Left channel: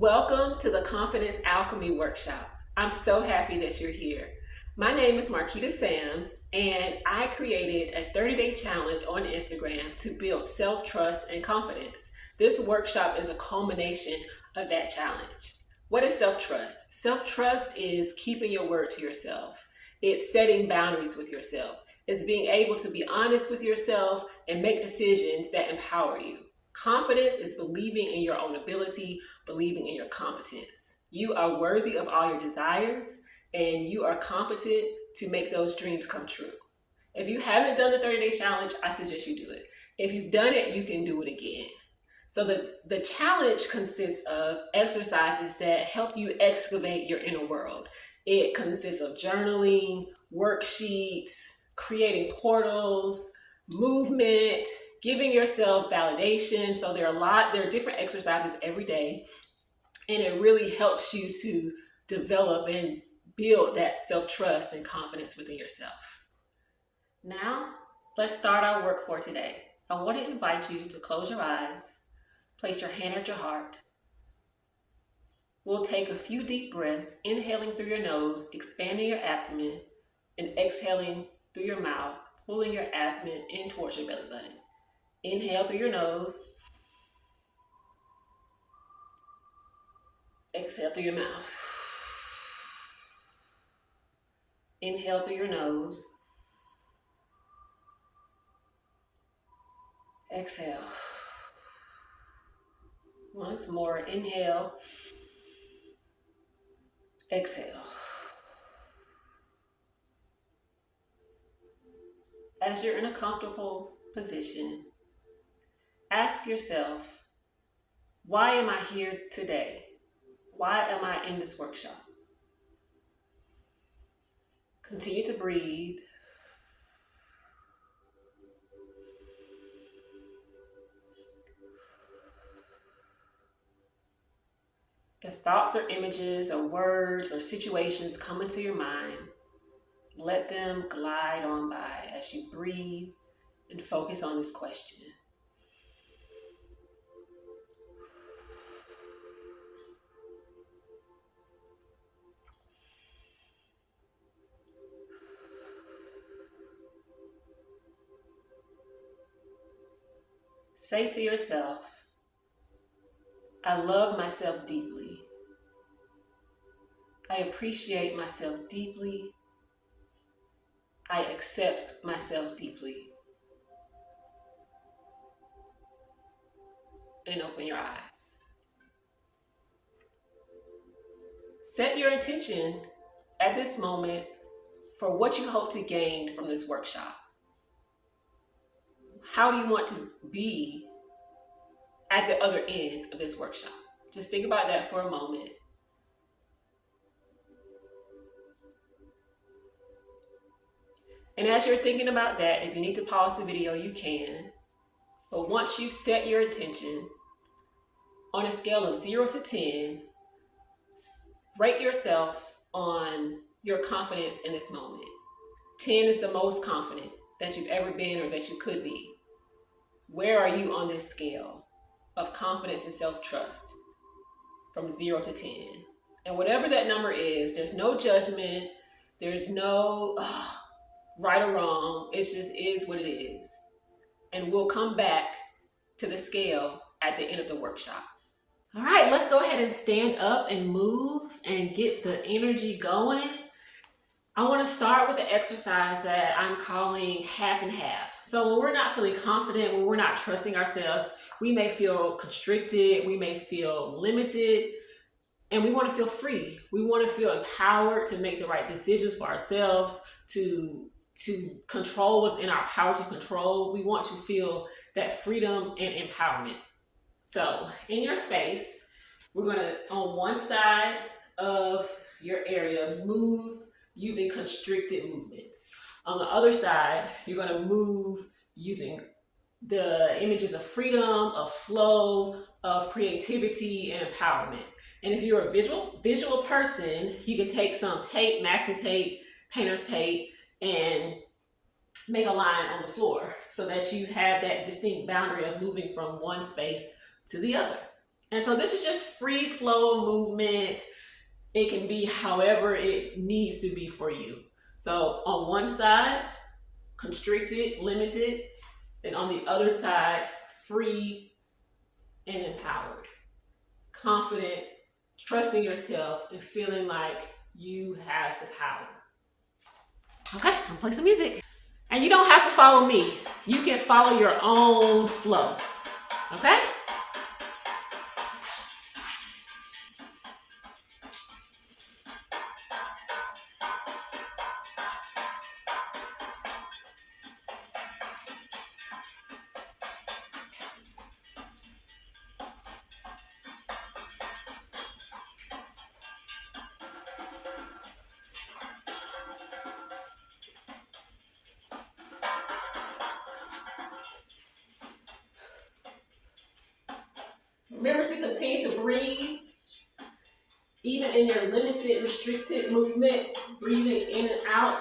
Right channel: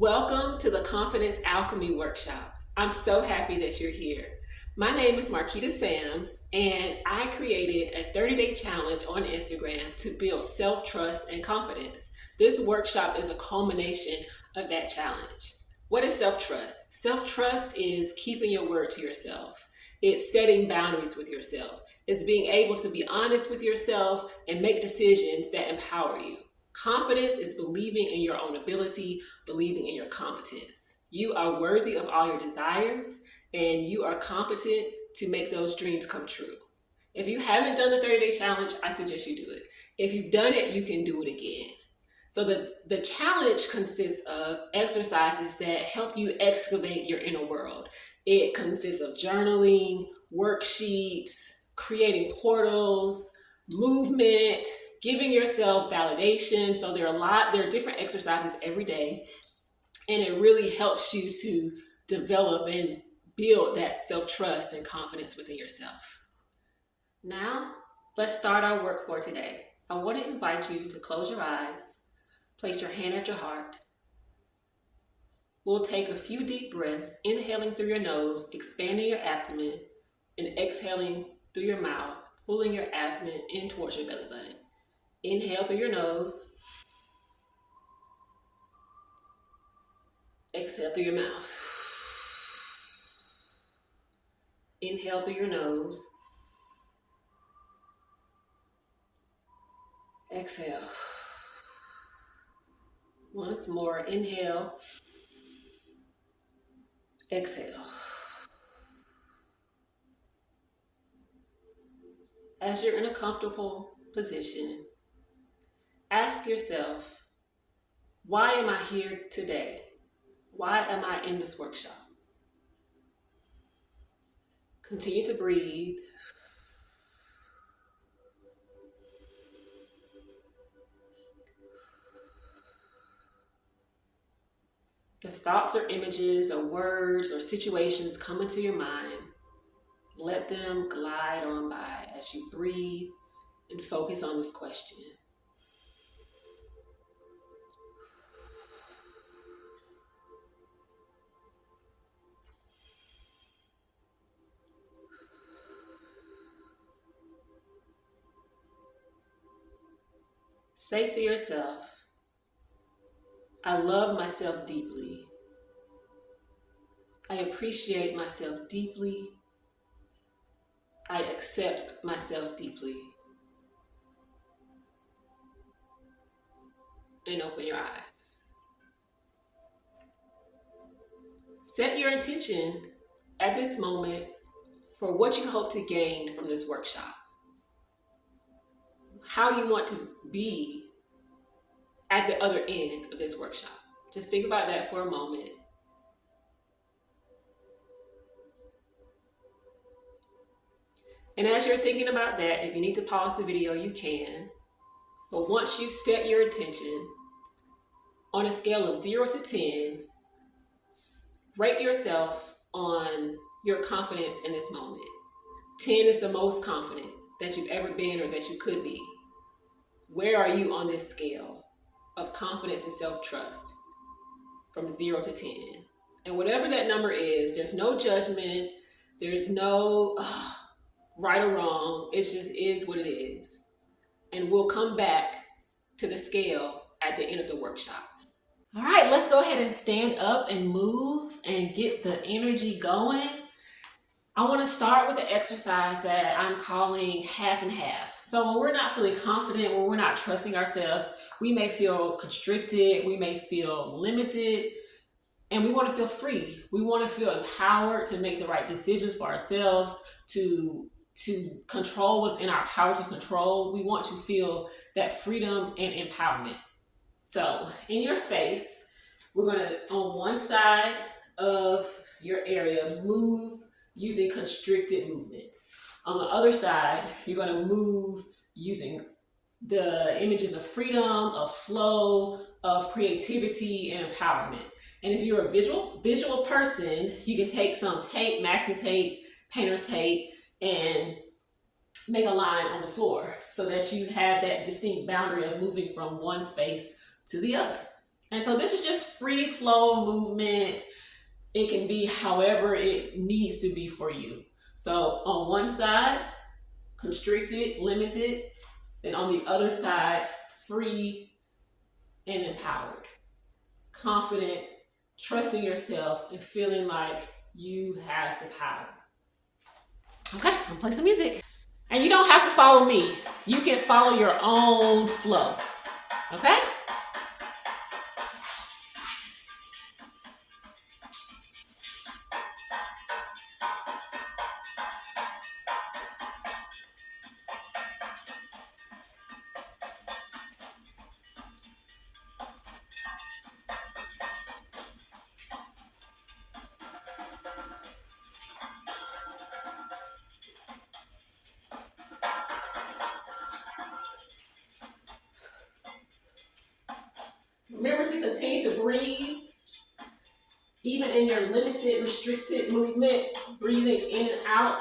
Welcome to the Confidence Alchemy Workshop. I'm so happy that you're here. My name is Marquita Sams, and I created a 30-day challenge on Instagram to build self-trust and confidence. This workshop is a culmination of that challenge. What is self-trust? Self-trust is keeping your word to yourself. It's setting boundaries with yourself. It's being able to be honest with yourself and make decisions that empower you. Confidence is believing in your own ability, believing in your competence. You are worthy of all your desires, and you are competent to make those dreams come true. If you haven't done the 30-day challenge, I suggest you do it. If you've done it, you can do it again. So the challenge consists of exercises that help you excavate your inner world. It consists of journaling, worksheets, creating portals, movement, giving yourself validation. So there are different exercises every day, and it really helps you to develop and build that self-trust and confidence within yourself. Now, let's start our work for today. I want to invite you to close your eyes, place your hand at your heart. We'll take a few deep breaths, inhaling through your nose, expanding your abdomen, and exhaling through your mouth, pulling your abdomen in towards your belly button. Inhale through your nose. Exhale through your mouth. Inhale through your nose. Exhale. Once more, inhale. Exhale. As you're in a comfortable position, ask yourself, why am I here today? Why am I in this workshop? Continue to breathe. If thoughts or images or words or situations come into your mind, let them glide on by as you breathe and focus on this question. Say to yourself, I love myself deeply. I appreciate myself deeply. I accept myself deeply. And open your eyes. Set your intention at this moment for what you hope to gain from this workshop. How do you want to be at the other end of this workshop? Just think about that for a moment. And as you're thinking about that, if you need to pause the video, you can. But once you've set your intention, on a scale of 0 to 10, rate yourself on your confidence in this moment. 10 is the most confident that you've ever been or that you could be. Where are you on this scale of confidence and self-trust from 0 to 10? And whatever that number is, there's no judgment, there's no right or wrong. It just is what it is. And we'll come back to the scale at the end of the workshop. All right, let's go ahead and stand up and move and get the energy going. I want to start with an exercise that I'm calling half and half. So when we're not feeling confident, when we're not trusting ourselves, we may feel constricted, we may feel limited, and we want to feel free. We want to feel empowered to make the right decisions for ourselves, to control what's in our power to control. We want to feel that freedom and empowerment. So in your space, we're going to, on one side of your area, move using constricted movements. On the other side, you're going to move using the images of freedom, of flow, of creativity, and empowerment. And if you're a visual person, you can take some tape, masking tape, painter's tape, and make a line on the floor so that you have that distinct boundary of moving from one space to the other. And so this is just free flow movement. It can be however it needs to be for you. So on one side, constricted, limited. Then on the other side, free and empowered. Confident, trusting yourself, and feeling like you have the power. Okay, I'm gonna play some music. And you don't have to follow me. You can follow your own flow. Okay? Remember to continue to breathe, even in your limited, restricted movement, breathing in and out.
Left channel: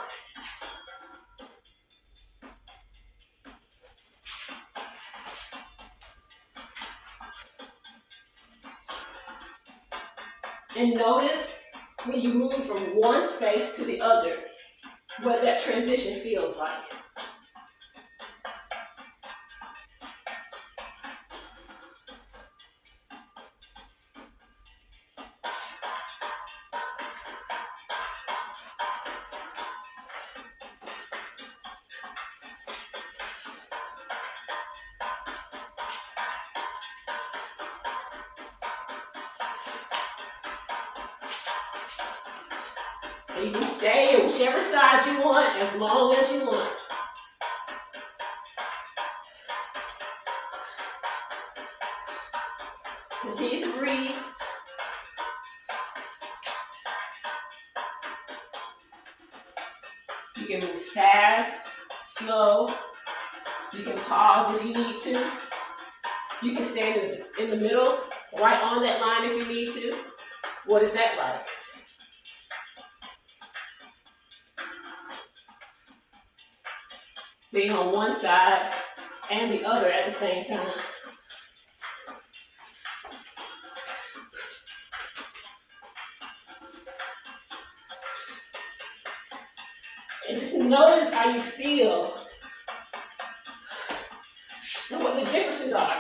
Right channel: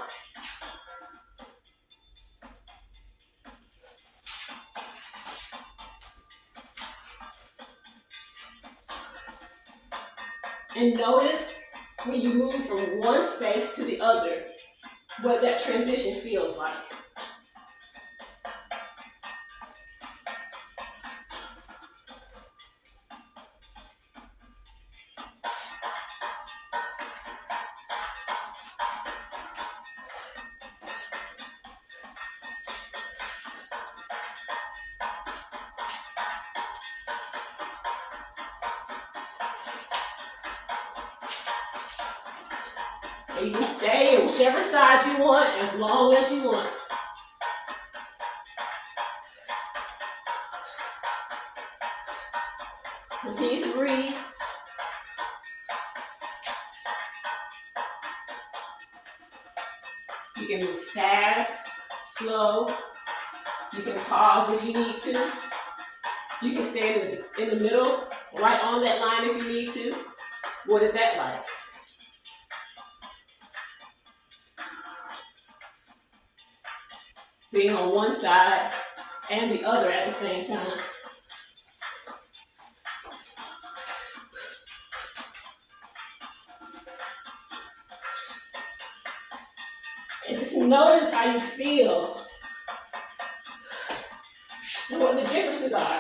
And notice when you move from one space to the other, what that transition feels like. And you can stay on whichever side you want, as long as you want. Continue to breathe. You can move fast, slow. You can pause if you need to. You can stand in the middle, right on that line if you need to. What is that like? Being on one side and the other at the same time. And just notice how you feel and what the differences are.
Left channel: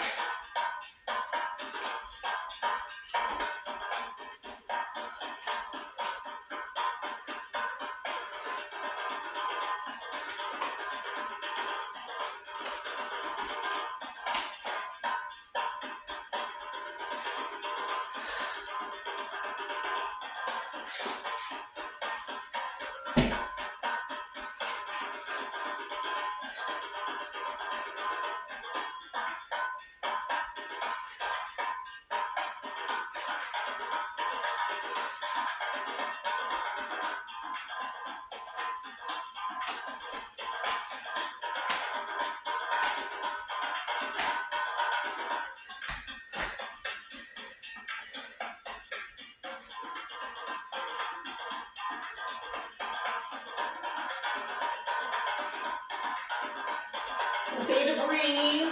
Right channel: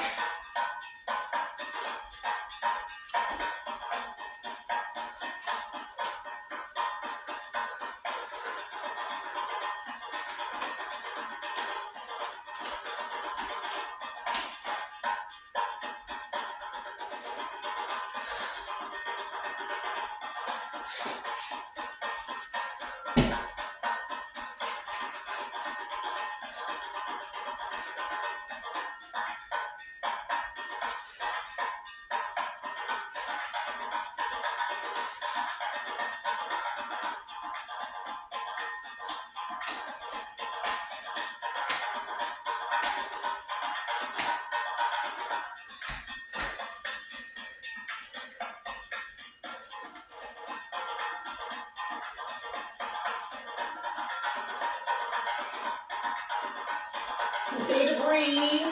Continue to breathe.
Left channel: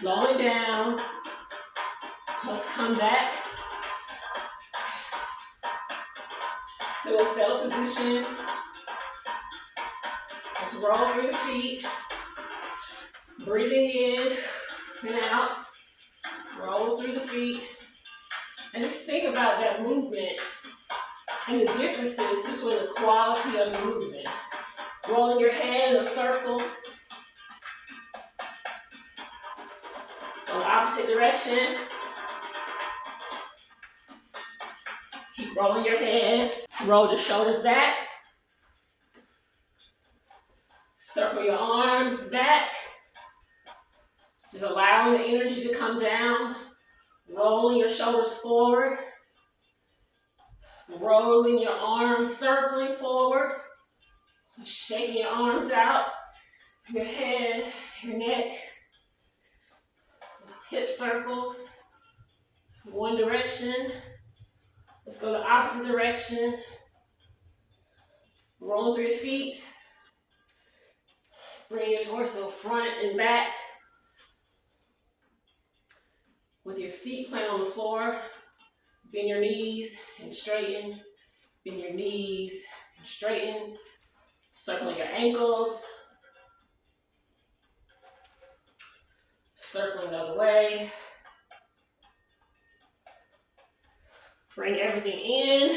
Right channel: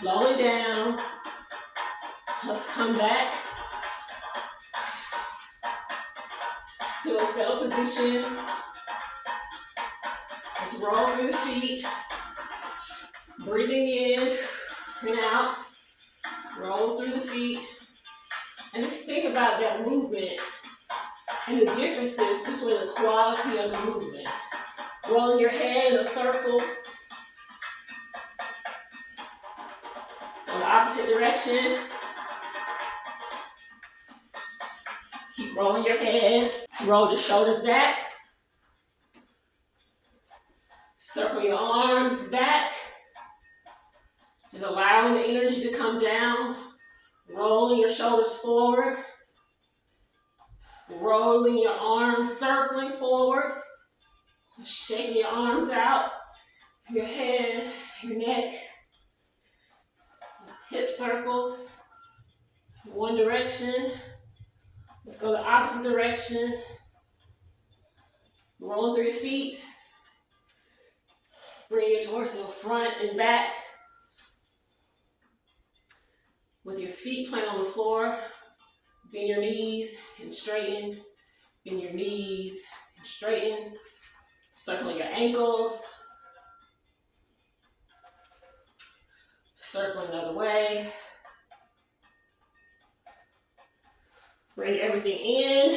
Slowing down. Let's come back to a settled position. Let's roll through the feet. Breathing in and out. Roll through the feet. And just think about that movement and the differences between the quality of the movement. Rolling your head in a circle. On the opposite direction. Keep rolling your head. Roll the shoulders back. Circle your arms back. Just allowing the energy to come down. Rolling your shoulders forward. Rolling your arms, circling forward. Shaking your arms out. Your head, your neck. Hip circles. One direction. Let's go the opposite direction. Rolling through your feet. Bring your torso front and back. With your feet planted on the floor, bend your knees and straighten. Bend your knees and straighten. Circling your ankles. Circling the other way. Bring everything in.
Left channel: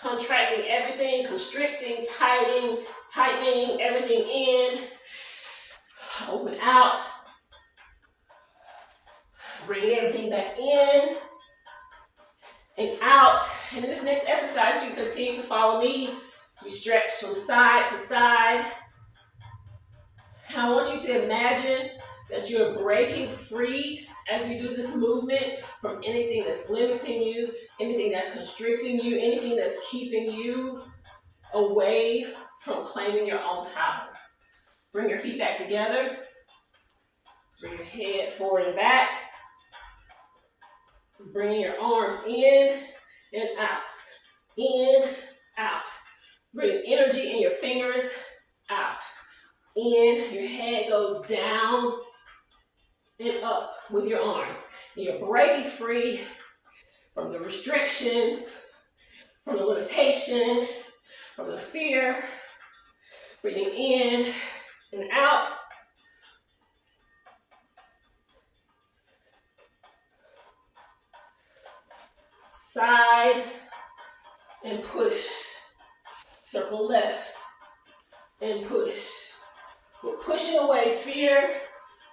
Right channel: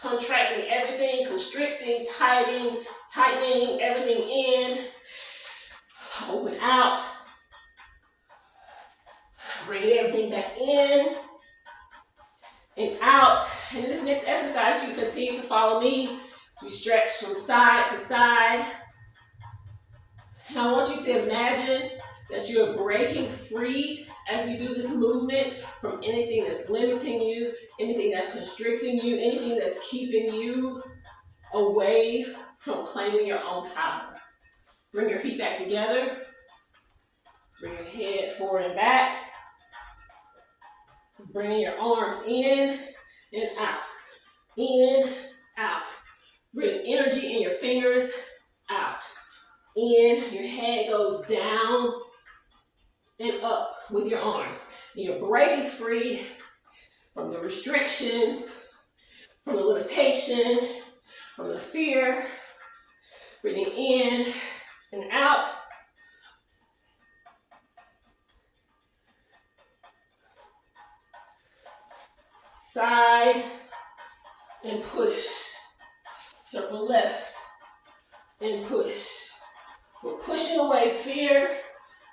Contracting everything, constricting, tightening everything in. Open out. Bring everything back in and out. And in this next exercise, you continue to follow me as we stretch from side to side. And I want you to imagine that you are breaking free as we do this movement from anything that's limiting you, anything that's constricting you, anything that's keeping you away from claiming your own power. Bring your feet back together. Bring your head forward and back. Bring your arms in and out. In, out. Bring energy in your fingers, out. In, your head goes down and up with your arms. And you're breaking free from the restrictions, from the limitation, from the fear. Breathing in and out. Side and push. Circle left and push. We're pushing away fear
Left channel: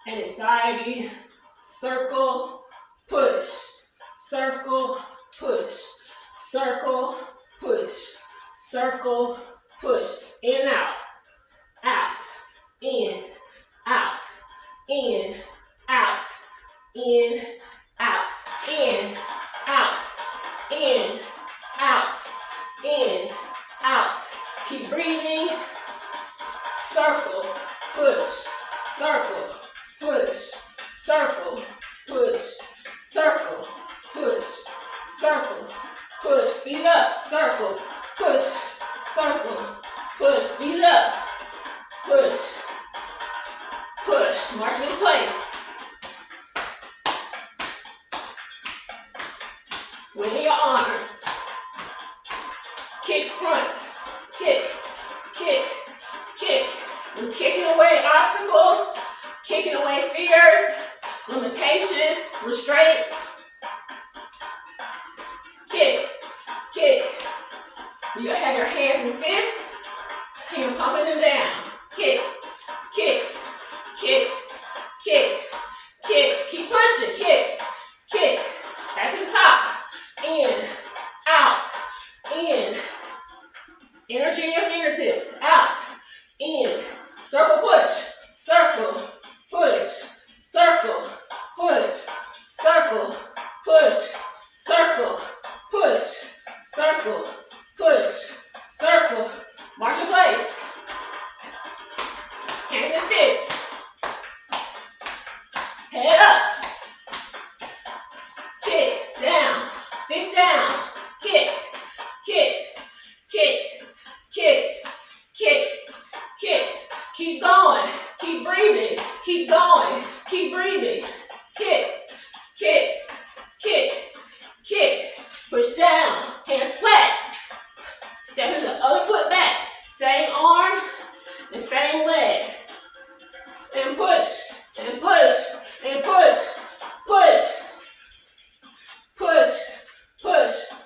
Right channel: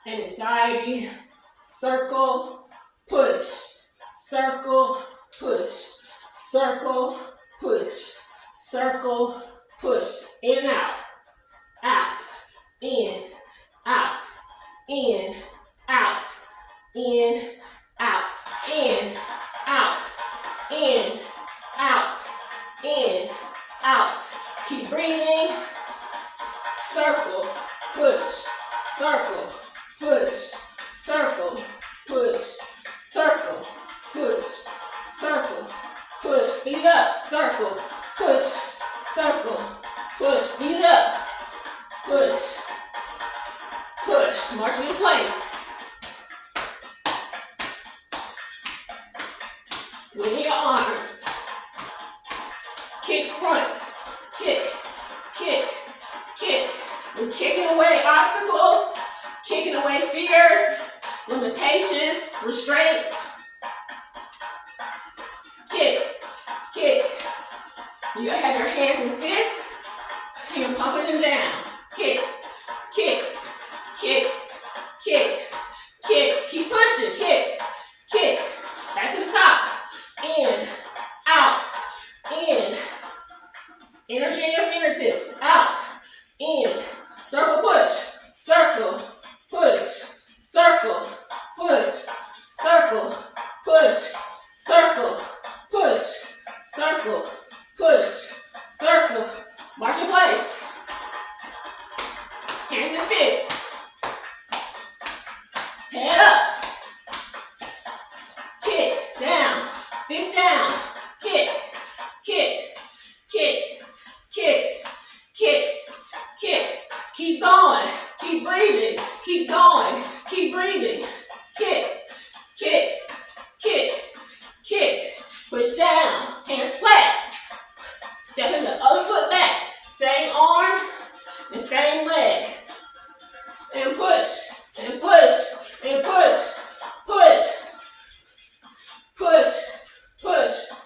and anxiety. Circle, push. Circle, push. Circle, push. Circle, push. In and out. Out. In. Out. In. Out. In. Out. In. Out. In. Out. In. Out. Keep breathing. Circle, push. Circle, push. Circle, push. Circle, push. Circle, push. Speed it up. Circle, push. Circle, push. Speed it up. Push. Push. Marching in place. Swing your arms. Kick front. Kick. Kick. Kick. We're kicking away obstacles. Kicking away fears. Limitations. Restraints. Kick. Kick. You have your hands and fists. And you're pumping them down. Kick. Kick. Kick. Kick. Kick. Keep pushing. Kick. Kick. Back to the top. In. Out. In. Energy in your fingertips. Out. In. Circle push. Circle. Push. Circle. Push. Circle. Push. Circle. Push. Circle. Push. Circle. March in place. Hands and fists. Head up. Kick. Down. Fist down. Kick. Kick. Kick. Kick. Kick. Kick. Keep going. Keep breathing. Keep going. Keep breathing. Kick. Kick. Kick. Kick. Push down. Hands flat. Stepping the other foot back. Same arm and same leg. And push. And push. And push. Push. Push. Push.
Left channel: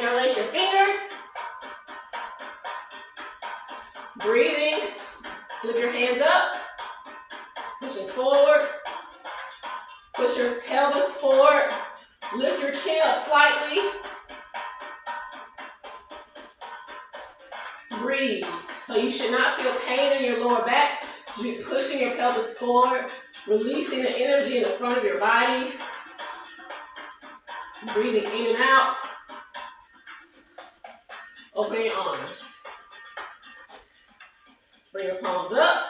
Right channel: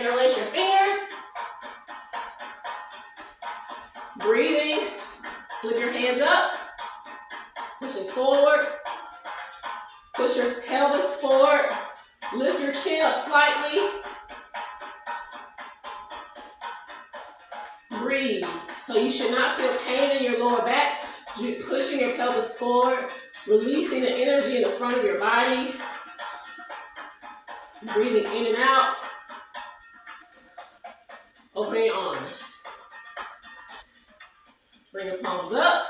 Interlace your fingers. Breathing. Flip your hands up. Pushing forward. Push your pelvis forward. Lift your chin up slightly. Breathe. So you should not feel pain in your lower back. You're pushing your pelvis forward, releasing the energy in the front of your body. Breathing in and out. Open your arms. Bring your palms up.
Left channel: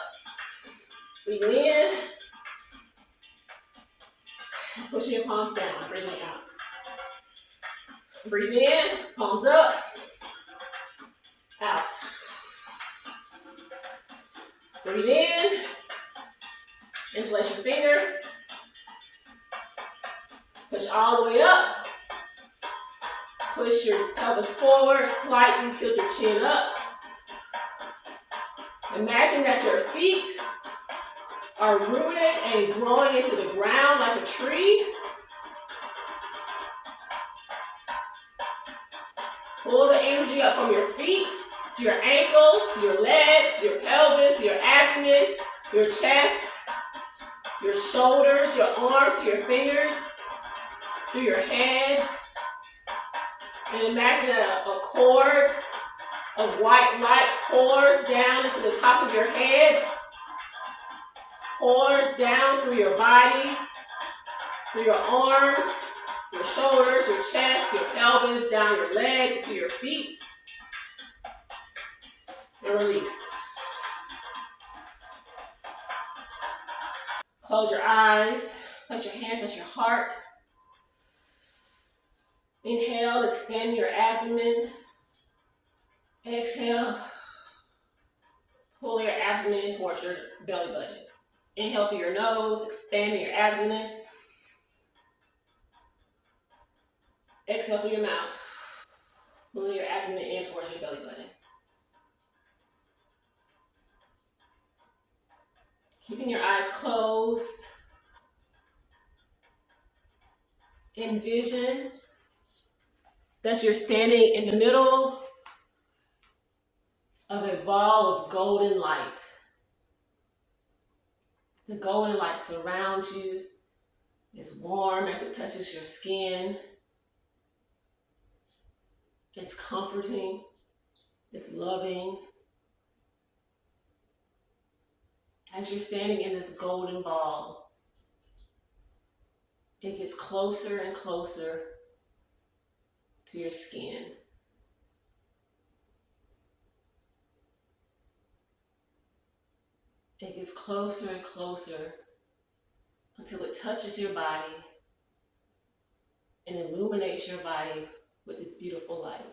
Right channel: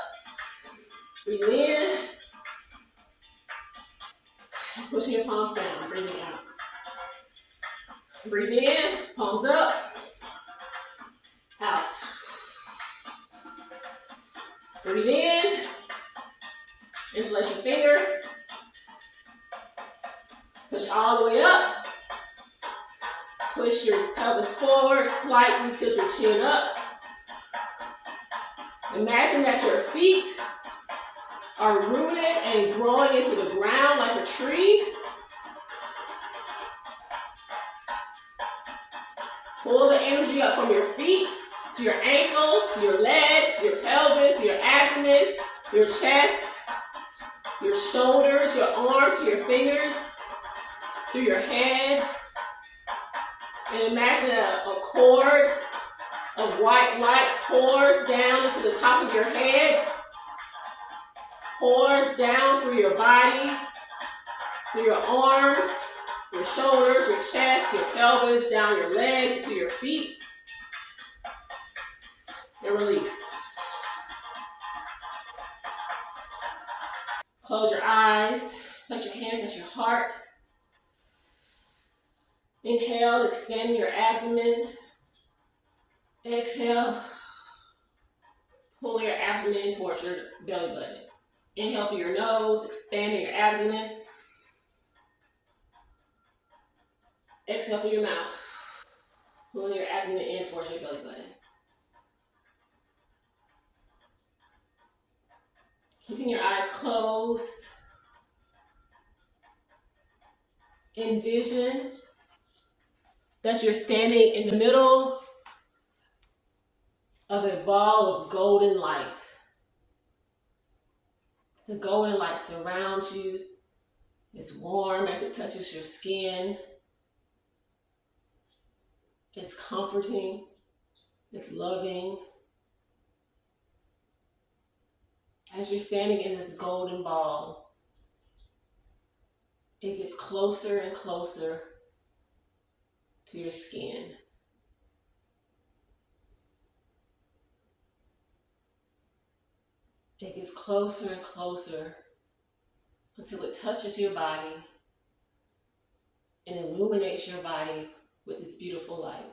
Breathe in. Pushing your palms down. Breathing out. Breathe in. Palms up. Out. Breathe in. Interlace your fingers. Push all the way up. Push your pelvis forward. Slightly tilt your chin up. Imagine that your feet are rooted and growing into the ground like a tree. Pull the energy up from your feet to your ankles, to your legs, to your pelvis, to your abdomen, your chest, your shoulders, your arms, to your fingers, through your head. And imagine a cord of white light pours down into the top of your head, pours down through your body, through your arms, your shoulders, your chest, your pelvis, down your legs, to your feet. And release. Close your eyes. Place your hands at your heart. Inhale, expanding your abdomen. Exhale, pull your abdomen in towards your belly button. Inhale through your nose, expanding your abdomen. Exhale through your mouth, pulling your abdomen in towards your belly button. Keeping your eyes closed. Envision that you're standing in the middle of a ball of golden light. The golden light surrounds you. It's warm as it touches your skin. It's comforting. It's loving. As you're standing in this golden ball, it gets closer and closer to your skin. It gets closer and closer until it touches your body and illuminates your body with its beautiful light.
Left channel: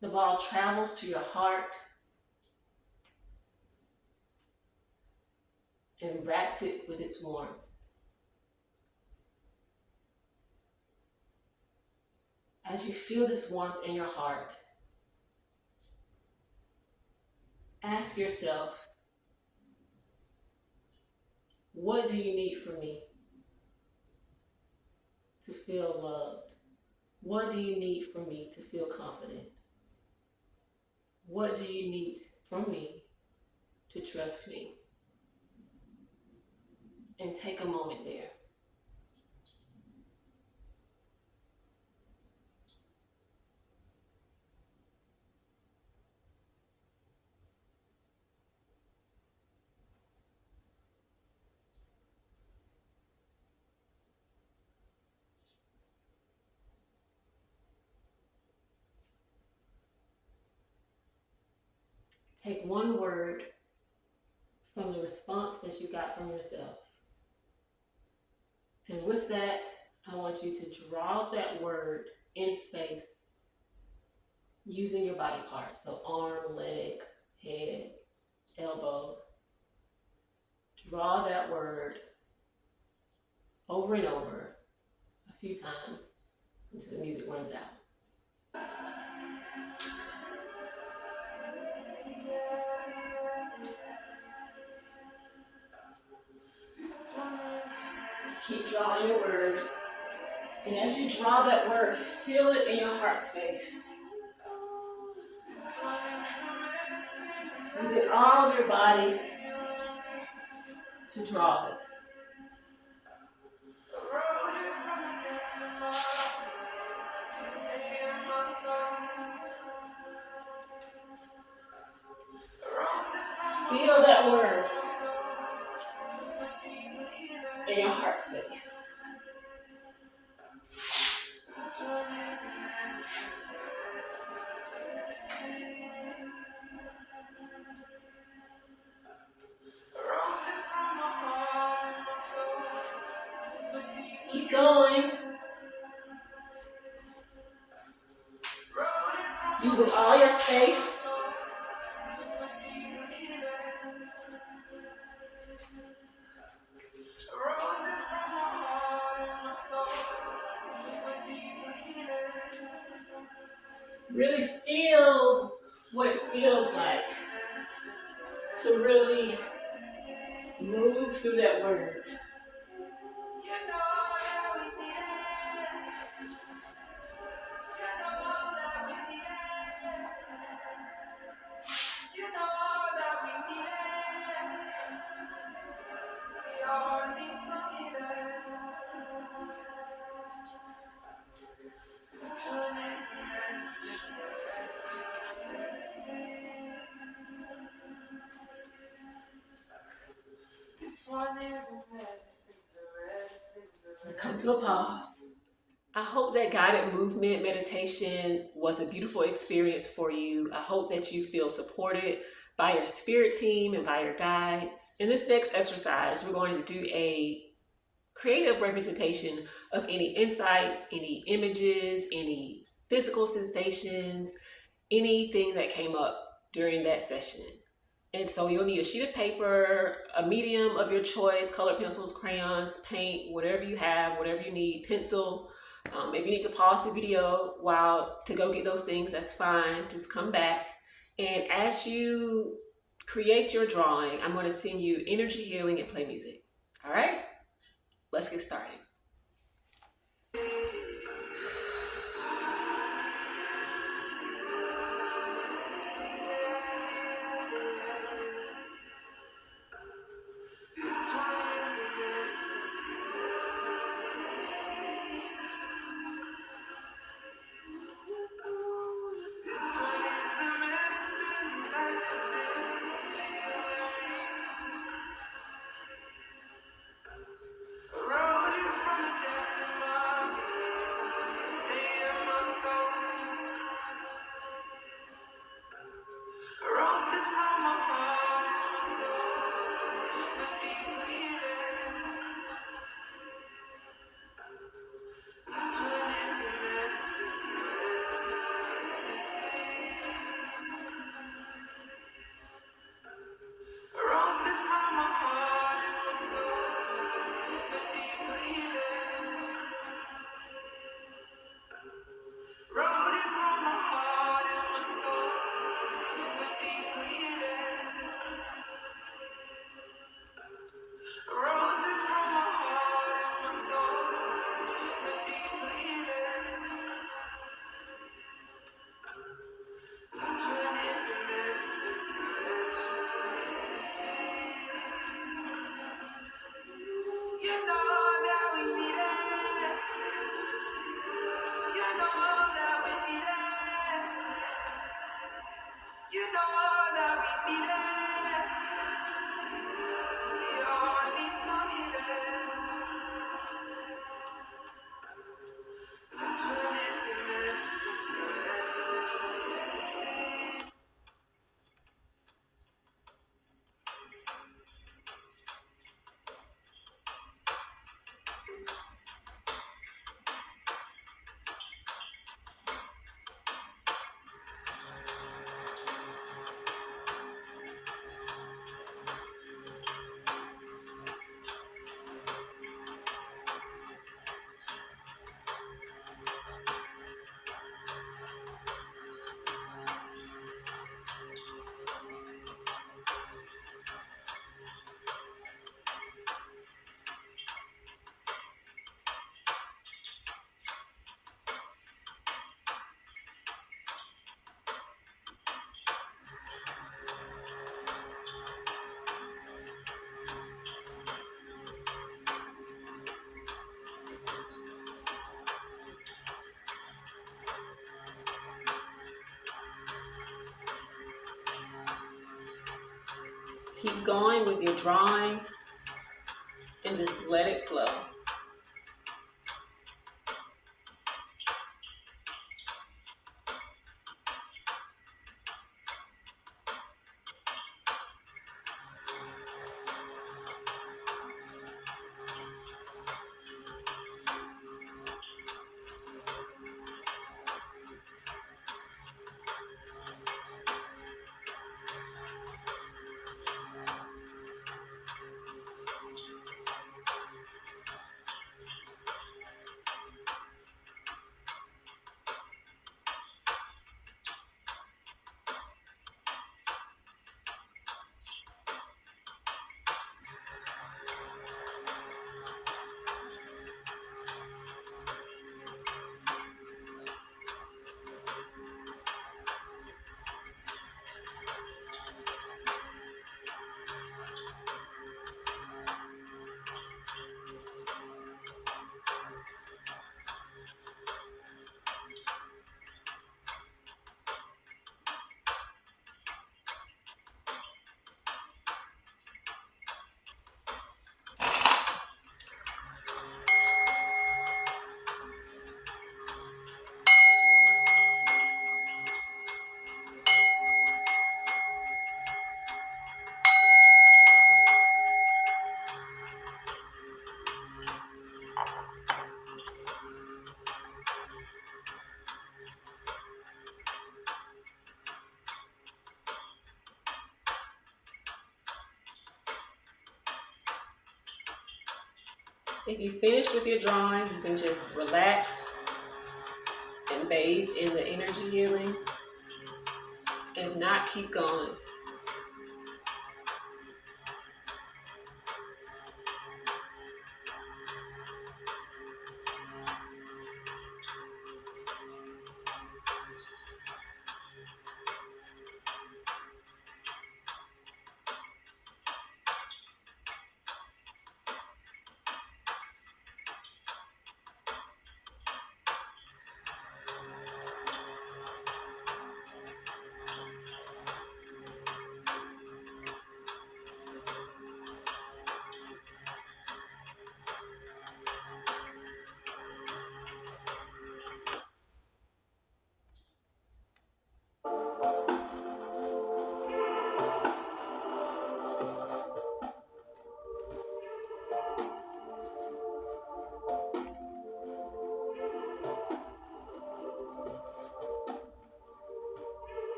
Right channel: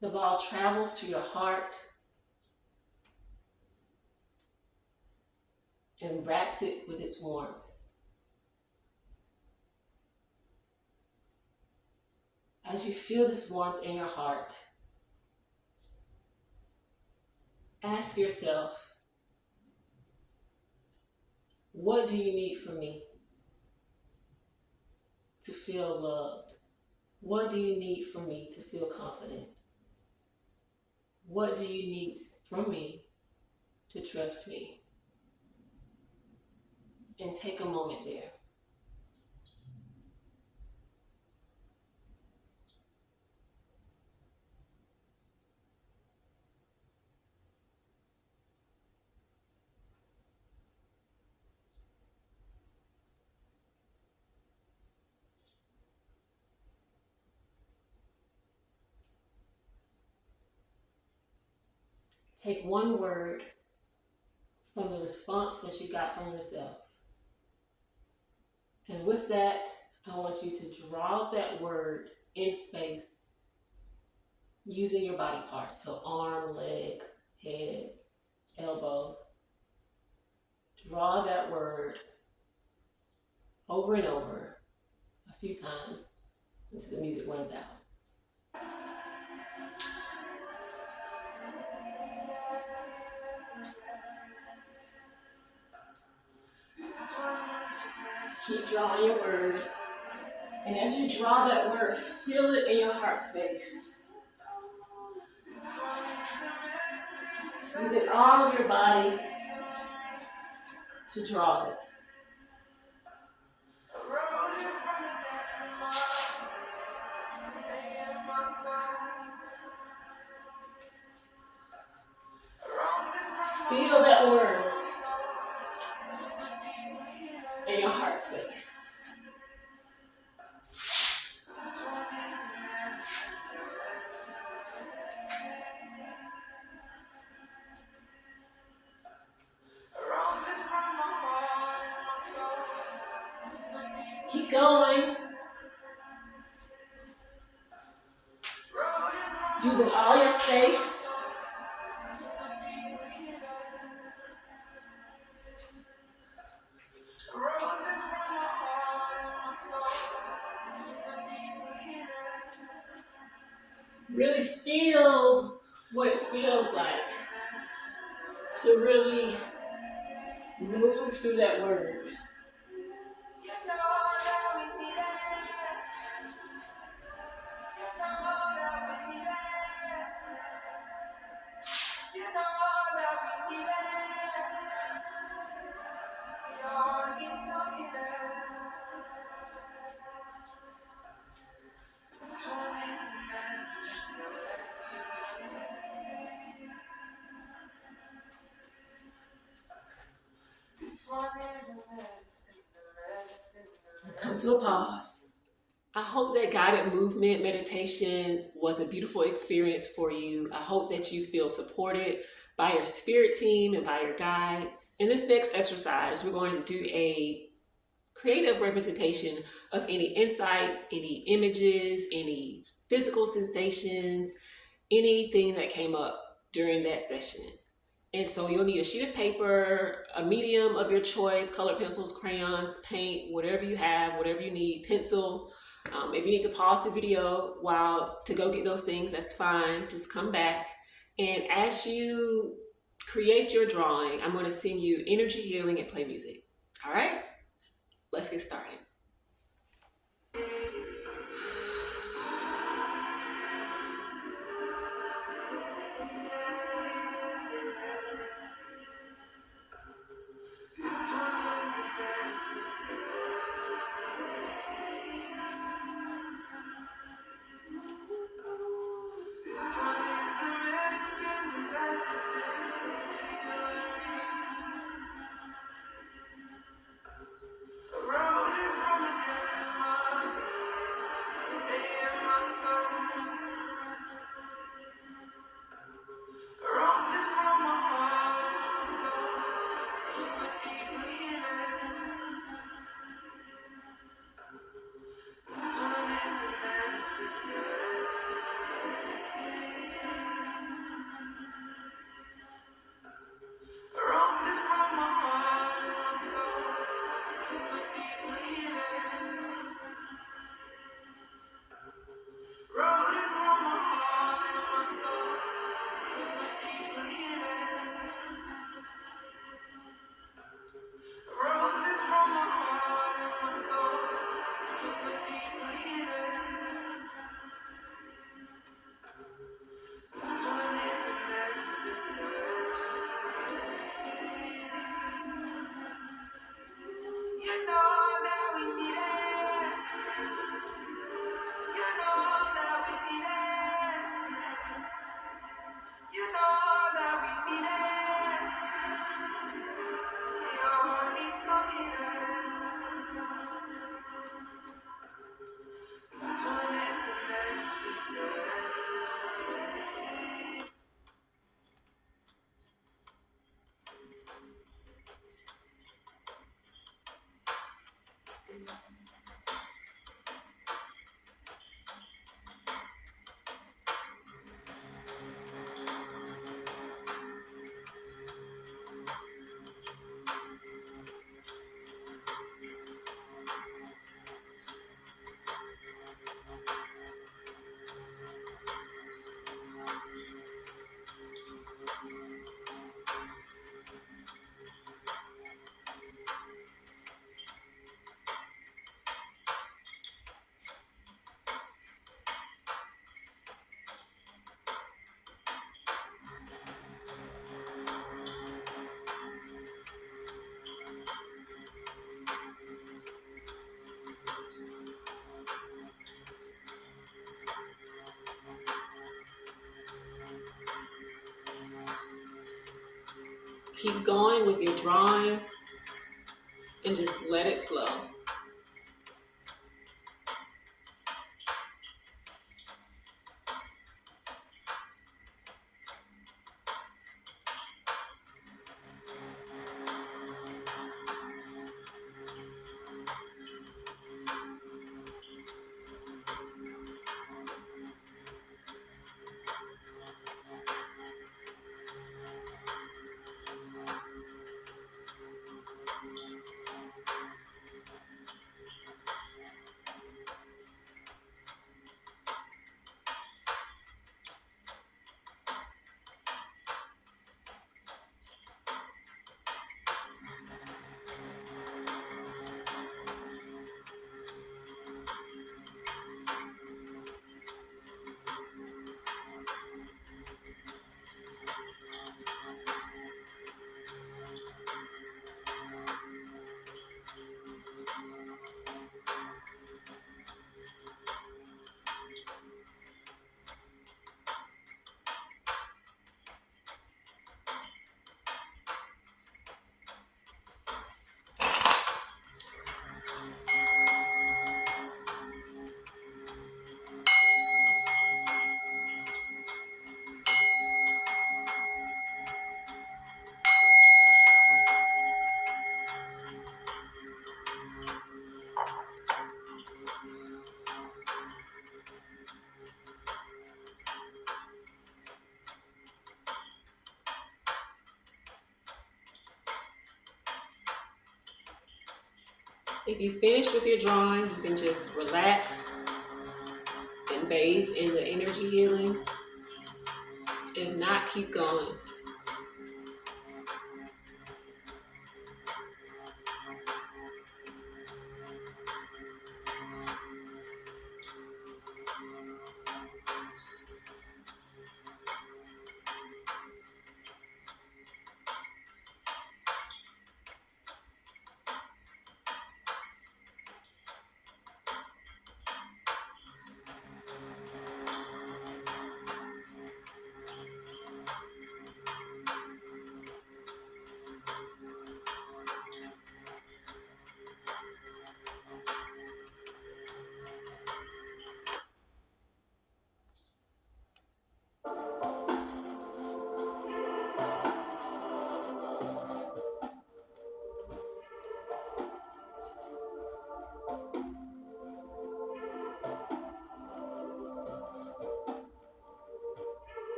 The ball travels to your heart and wraps it with its warmth. As you feel this warmth in your heart, ask yourself, what do you need from me to feel loved? What do you need from me to feel confident? What do you need from me to trust me? And take a moment there. Take one word from the response that you got from yourself. And with that, I want you to draw that word in space using your body parts. So arm, leg, head, elbow. Draw that word over and over a few times until the music runs out. Keep drawing your word. And as you draw that word, feel it in your heart space. Using all of your body to draw it. Feel that word in your heart space. Keep going. Using all your space. Really feel what it feels like to really move through that word. Come to a pause. I hope that guided movement meditation was a beautiful experience for you. I hope that you feel supported by your spirit team and by your guides. In this next exercise, we're going to do a creative representation of any insights, any images, any physical sensations, anything that came up during that session. And so you'll need a sheet of paper, a medium of your choice, colored pencils, crayons, paint, whatever you have, whatever you need, pencil. If you need to pause the video while to go get those things, that's fine. Just come back. And as you create your drawing, I'm going to sing you energy healing and play music. All right, let's get started. Keep going with your drawing and just let it flow. If you finish with your drawing, you can just relax and bathe in the energy healing. If not, keep going.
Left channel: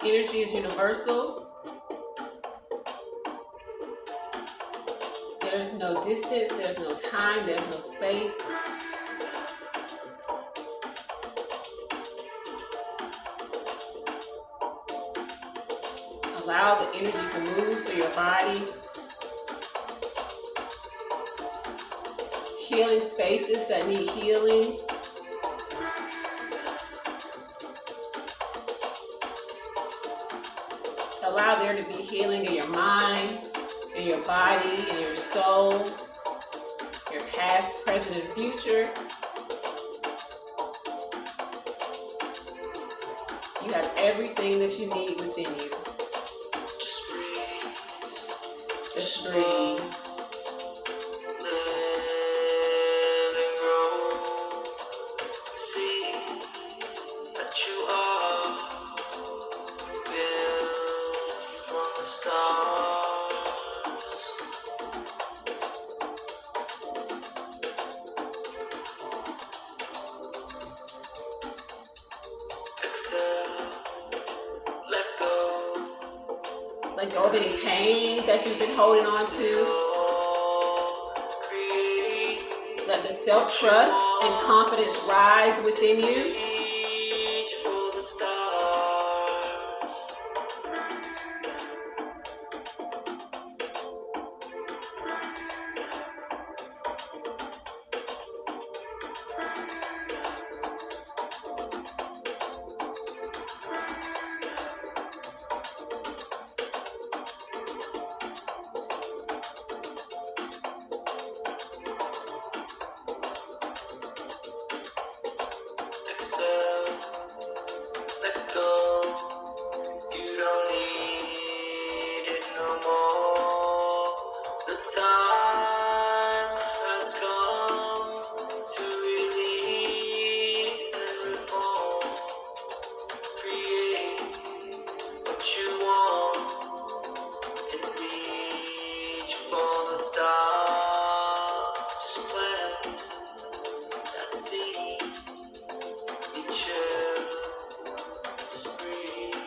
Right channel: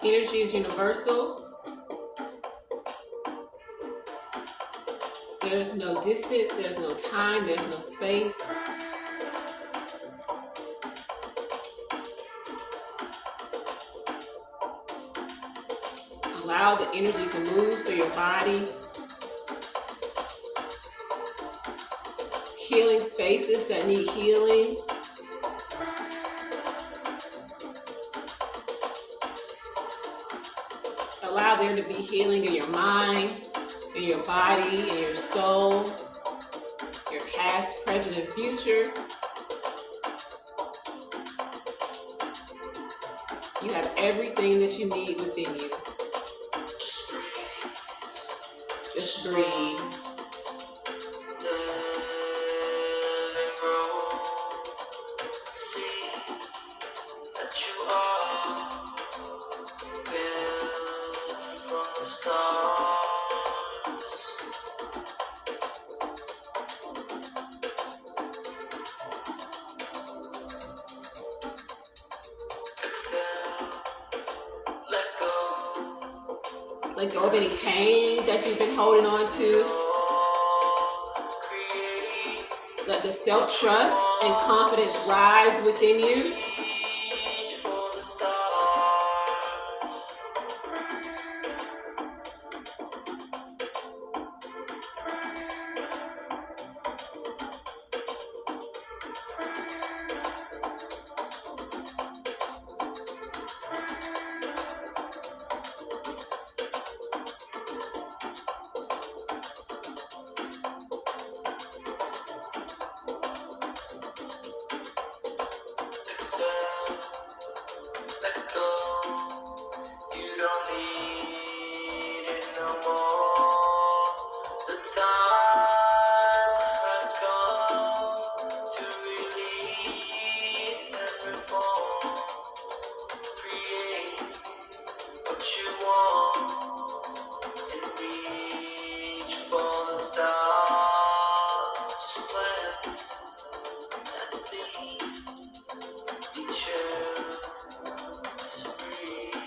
Energy is universal. There's no distance, there's no time, there's no space. Allow the energy to move through your body. Healing spaces that need healing. Allow there to be healing in your mind, in your body, in your soul, your past, present, and future. You have everything that you need within you. Just breathe. Just breathe. Let go of any pain that you've been holding on to. Let the self-trust and confidence rise within you. yourself, let go. You don't need it no more. The time has come to release and reform. Create what you want and reach for the stars. Just plant that seed, be chill, just breathe.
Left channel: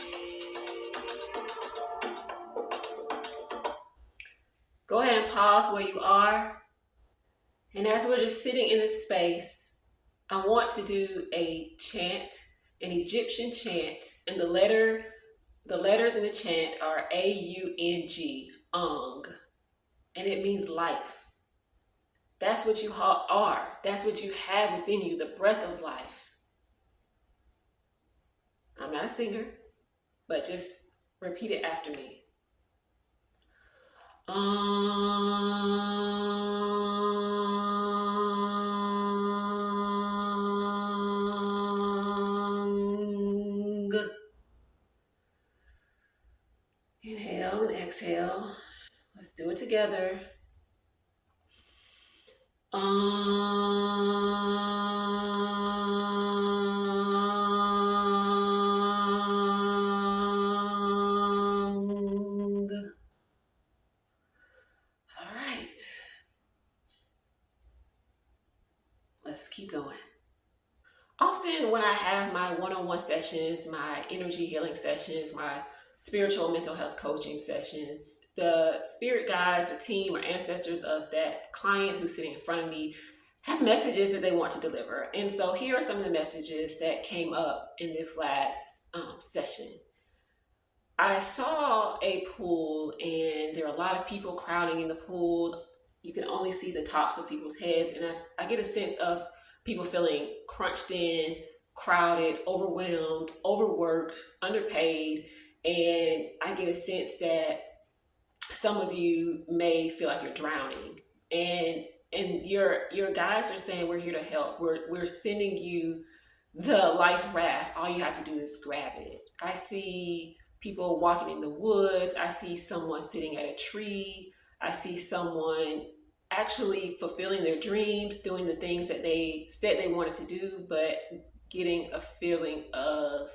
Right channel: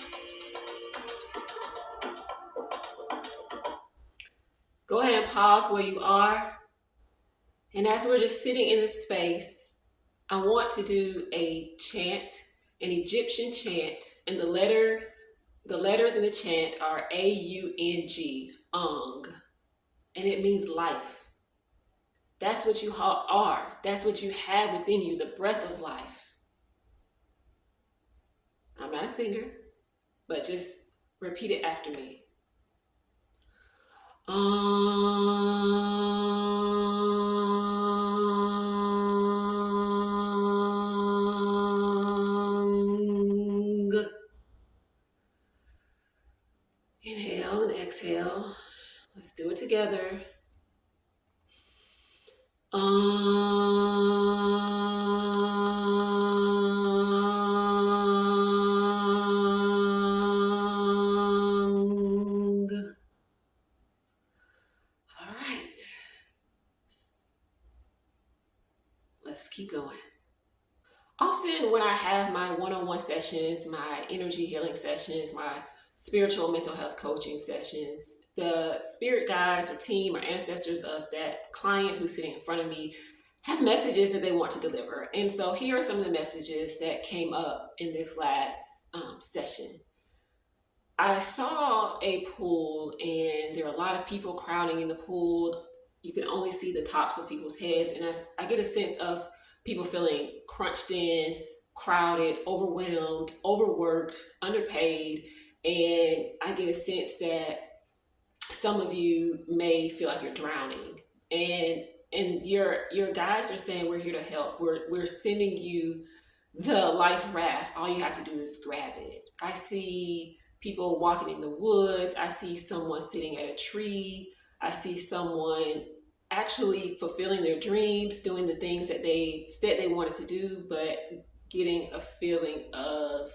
Go ahead and pause where you are. And as we're just sitting in this space, I want to do a chant, an Egyptian chant, and the letters in the chant are AUNG, Ung, and it means life. That's what you are. That's what you have within you, the breath of life. I'm not a singer, but just repeat it after me. Inhale and exhale. Let's do it together. All right. Let's keep going. Often when I have my one-on-one sessions, my energy healing sessions, my spiritual mental health coaching sessions, the spirit guides or team or ancestors of that client who's sitting in front of me have messages that they want to deliver. And so here are some of the messages that came up in this last session. I saw a pool and there are a lot of people crowding in the pool. You can only see the tops of people's heads, and I get a sense of people feeling crunched in, crowded, overwhelmed, overworked, underpaid, and I get a sense that some of you may feel like you're drowning, and your guides are saying we're here to help. We're sending you the life raft. All you have to do is grab it. I see people walking in the woods. I see someone sitting at a tree. I see someone actually fulfilling their dreams, doing the things that they said they wanted to do, but getting a feeling of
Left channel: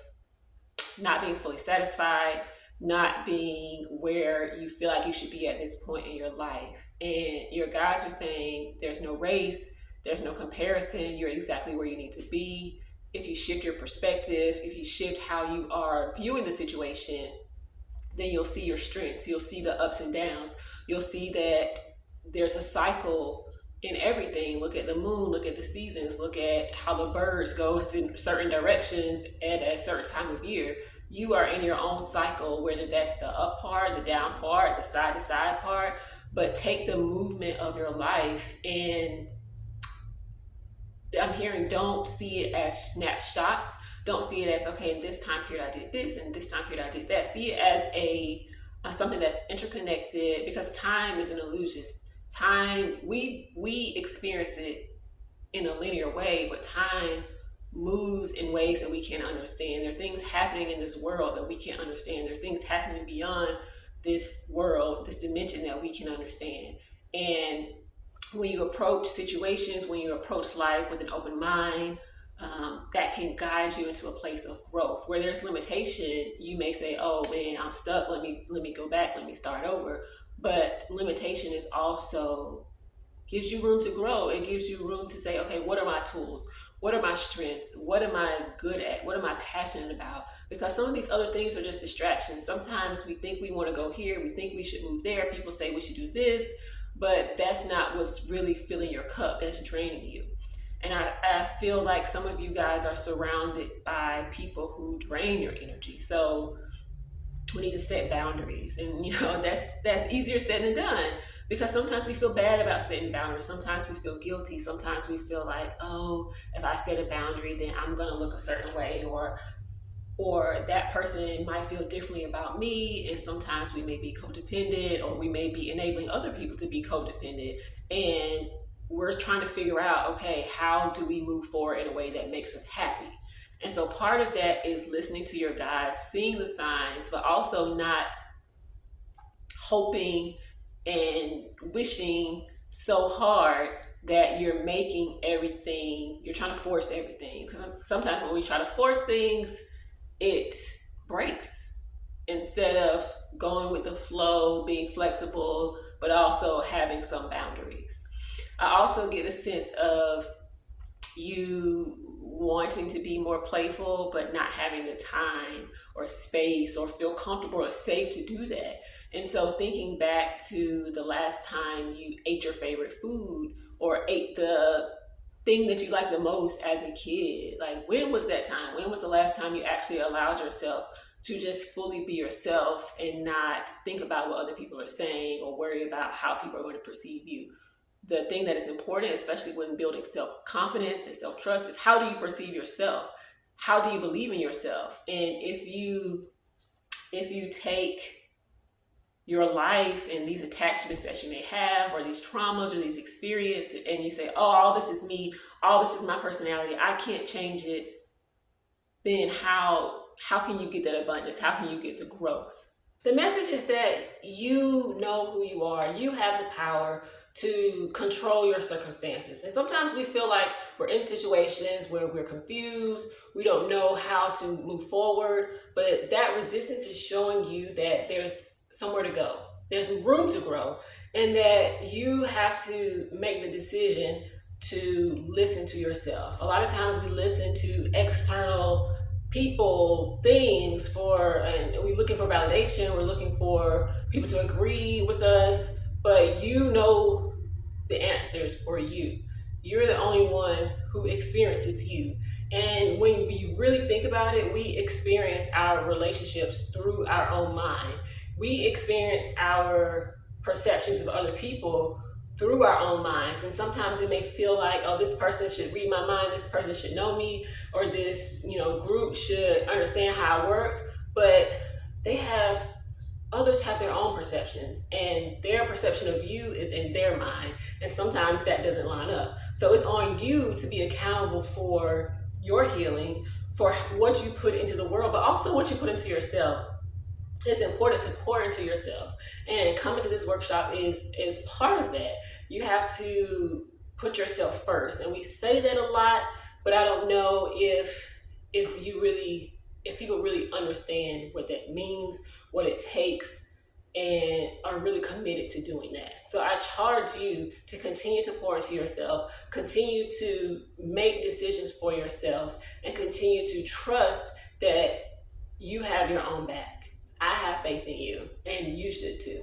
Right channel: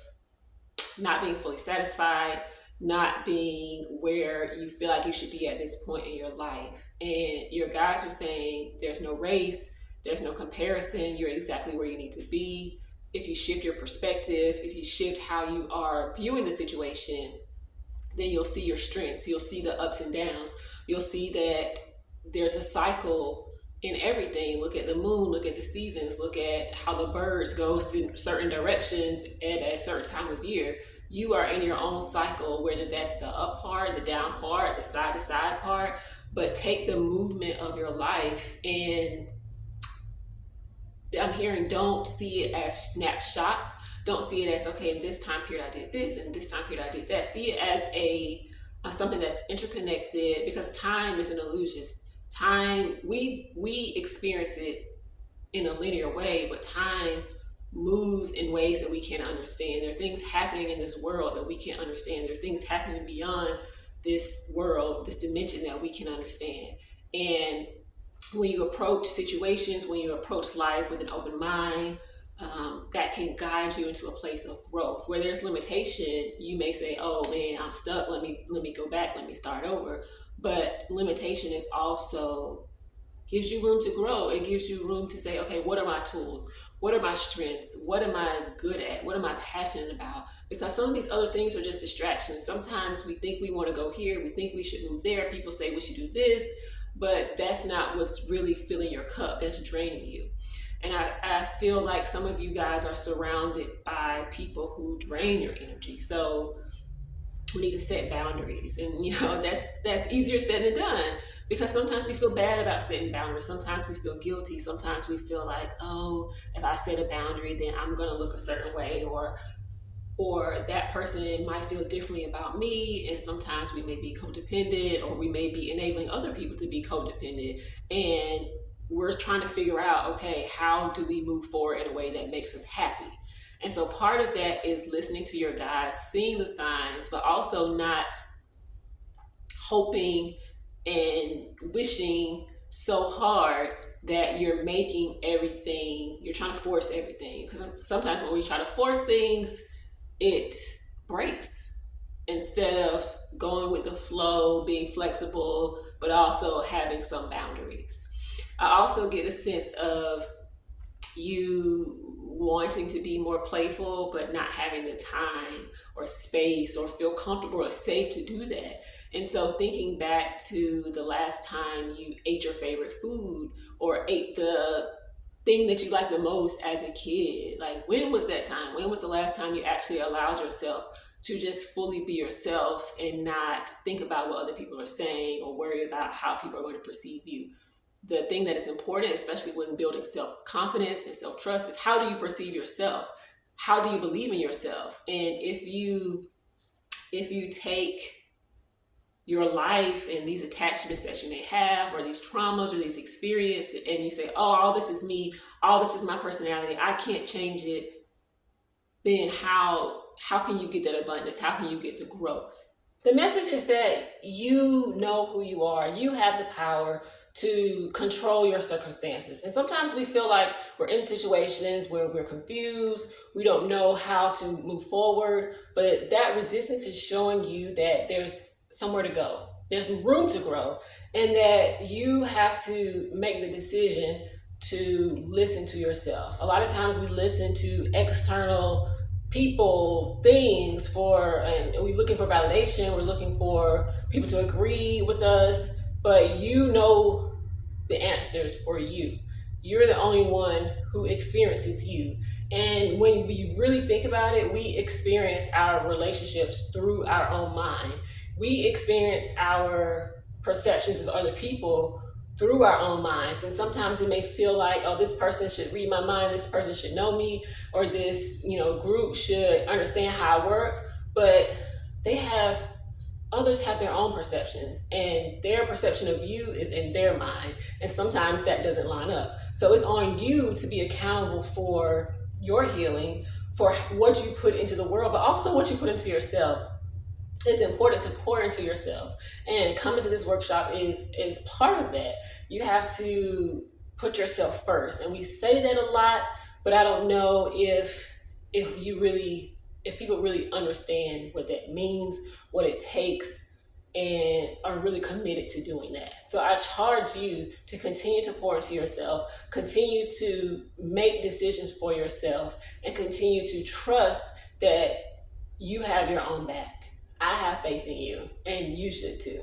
not being fully satisfied, not being where you feel like you should be at this point in your life. And your guides are saying there's no race, there's no comparison, you're exactly where you need to be. If you shift your perspective, if you shift how you are viewing the situation, then you'll see your strengths, you'll see the ups and downs, you'll see that there's a cycle in everything. Look at the moon, look at the seasons, look at how the birds go in certain directions at a certain time of year. You are in your own cycle, whether that's the up part, the down part, the side to side part, but take the movement of your life. And I'm hearing, don't see it as snapshots. Don't see it as, okay, in this time period I did this, and this time period I did that. See it as a something that's interconnected, because time is an illusion. Time, we experience it in a linear way, but time moves in ways that we can't understand. There are things happening in this world that we can't understand. There are things happening beyond this world, this dimension that we can understand. And when you approach situations, when you approach life with an open mind, that can guide you into a place of growth. Where there's limitation, you may say, "Oh man, I'm stuck. Let me go back. Let me start over." But limitation is also gives you room to grow. It gives you room to say, "Okay, what are my tools? What are my strengths? What am I good at? What am I passionate about?" Because some of these other things are just distractions. Sometimes we think we want to go here. We think we should move there. People say we should do this, but that's not what's really filling your cup. That's draining you. And I feel like some of you guys are surrounded by people who drain your energy. So we need to set boundaries. And that's easier said than done, because sometimes we feel bad about setting boundaries. Sometimes we feel guilty. Sometimes we feel like, oh, if I set a boundary, then I'm going to look a certain way, or that person might feel differently about me. And sometimes we may be codependent, or we may be enabling other people to be codependent. And we're trying to figure out, okay, how do we move forward in a way that makes us happy? And so part of that is listening to your guides, seeing the signs, but also not hoping and wishing so hard that you're making everything, you're trying to force everything. Because sometimes when we try to force things, it breaks instead of going with the flow, being flexible, but also having some boundaries. I also get a sense of you wanting to be more playful, but not having the time or space or feel comfortable or safe to do that. And so, thinking back to the last time you ate your favorite food or ate the thing that you like the most as a kid, like when was that time? When was the last time you actually allowed yourself to just fully be yourself and not think about what other people are saying or worry about how people are going to perceive you? The thing that is important, especially when building self-confidence and self-trust, is how do you perceive yourself? How do you believe in yourself? And if you take your life and these attachments that you may have or these traumas or these experiences and you say, oh, all this is me, all this is my personality, I can't change it, then how can you get that abundance? How can you get the growth? The message is that you know who you are. You have the power to control your circumstances. And sometimes we feel like we're in situations where we're confused, we don't know how to move forward, but that resistance is showing you that there's somewhere to go. There's room to grow, and that you have to make the decision to listen to yourself. A lot of times we listen to external people, things and we're looking for validation, we're looking for people to agree with us, but you know the answers for you. You're the only one who experiences you. And when we really think about it, we experience our relationships through our own mind. We experience our perceptions of other people through our own minds. And sometimes it may feel like, oh, this person should read my mind, this person should know me, or this, group should understand how I work. But others have their own perceptions, and their perception of you is in their mind. And sometimes that doesn't line up. So it's on you to be accountable for your healing, for what you put into the world, but also what you put into yourself. It's important to pour into yourself, and coming to this workshop is part of that. You have to put yourself first, and we say that a lot, but I don't know if people really understand what that means, what it takes, and are really committed to doing that. So I charge you to continue to pour into yourself, continue to make decisions for yourself, and continue to trust that you have your own back. I have faith in you, and you should too.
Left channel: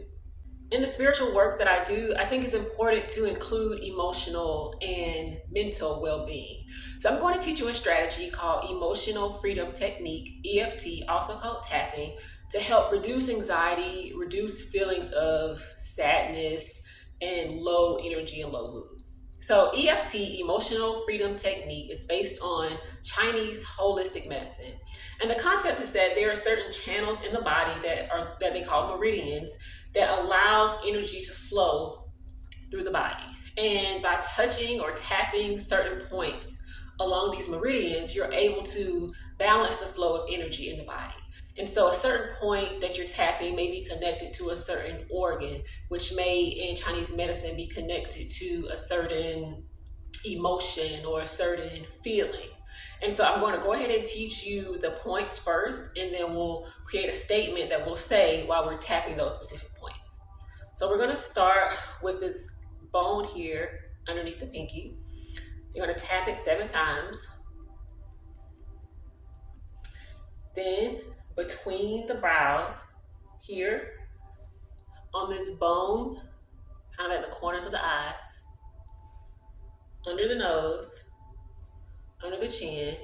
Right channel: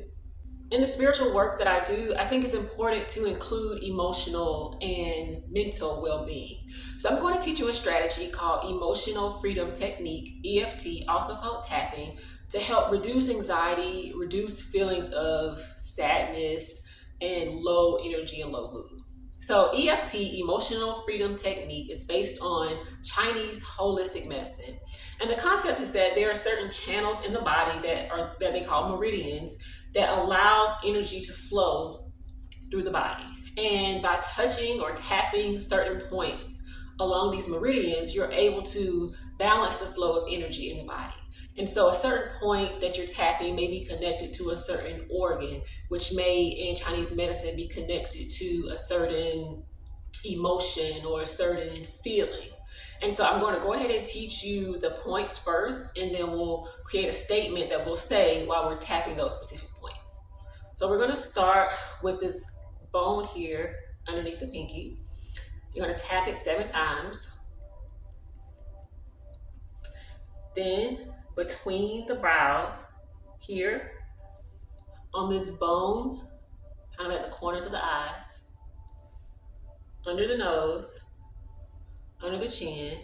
In the spiritual work that I do, I think it's important to include emotional and mental well-being. So I'm going to teach you a strategy called Emotional Freedom Technique, EFT, also called tapping, to help reduce anxiety, reduce feelings of sadness, and low energy and low mood. So EFT, Emotional Freedom Technique, is based on Chinese holistic medicine. And the concept is that there are certain channels in the body that they call meridians that allows energy to flow through the body. And by touching or tapping certain points along these meridians, you're able to balance the flow of energy in the body. And so a certain point that you're tapping may be connected to a certain organ, which may in Chinese medicine be connected to a certain emotion or a certain feeling. And so I'm going to go ahead and teach you the points first, and then we'll create a statement that we'll say while we're tapping those specific points. So we're going to start with this bone here underneath the pinky. You're going to tap it 7 times. Then between the brows here on this bone, kind of at the corners of the eyes, under the nose, under the chin,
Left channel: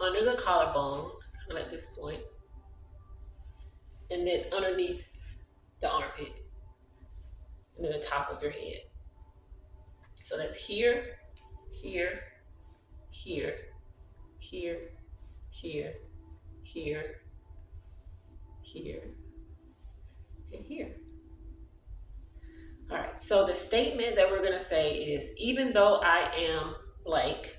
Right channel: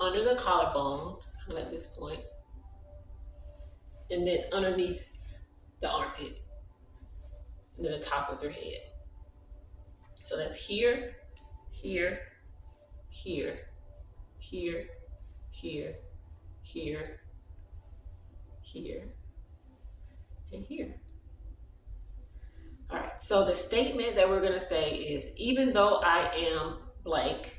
under the collarbone, kind of at this point, and then underneath the armpit, and then the top of your head. So that's here, here, here, here, here, here, here, and here. All right, so the statement that we're gonna say is, even though I am blank,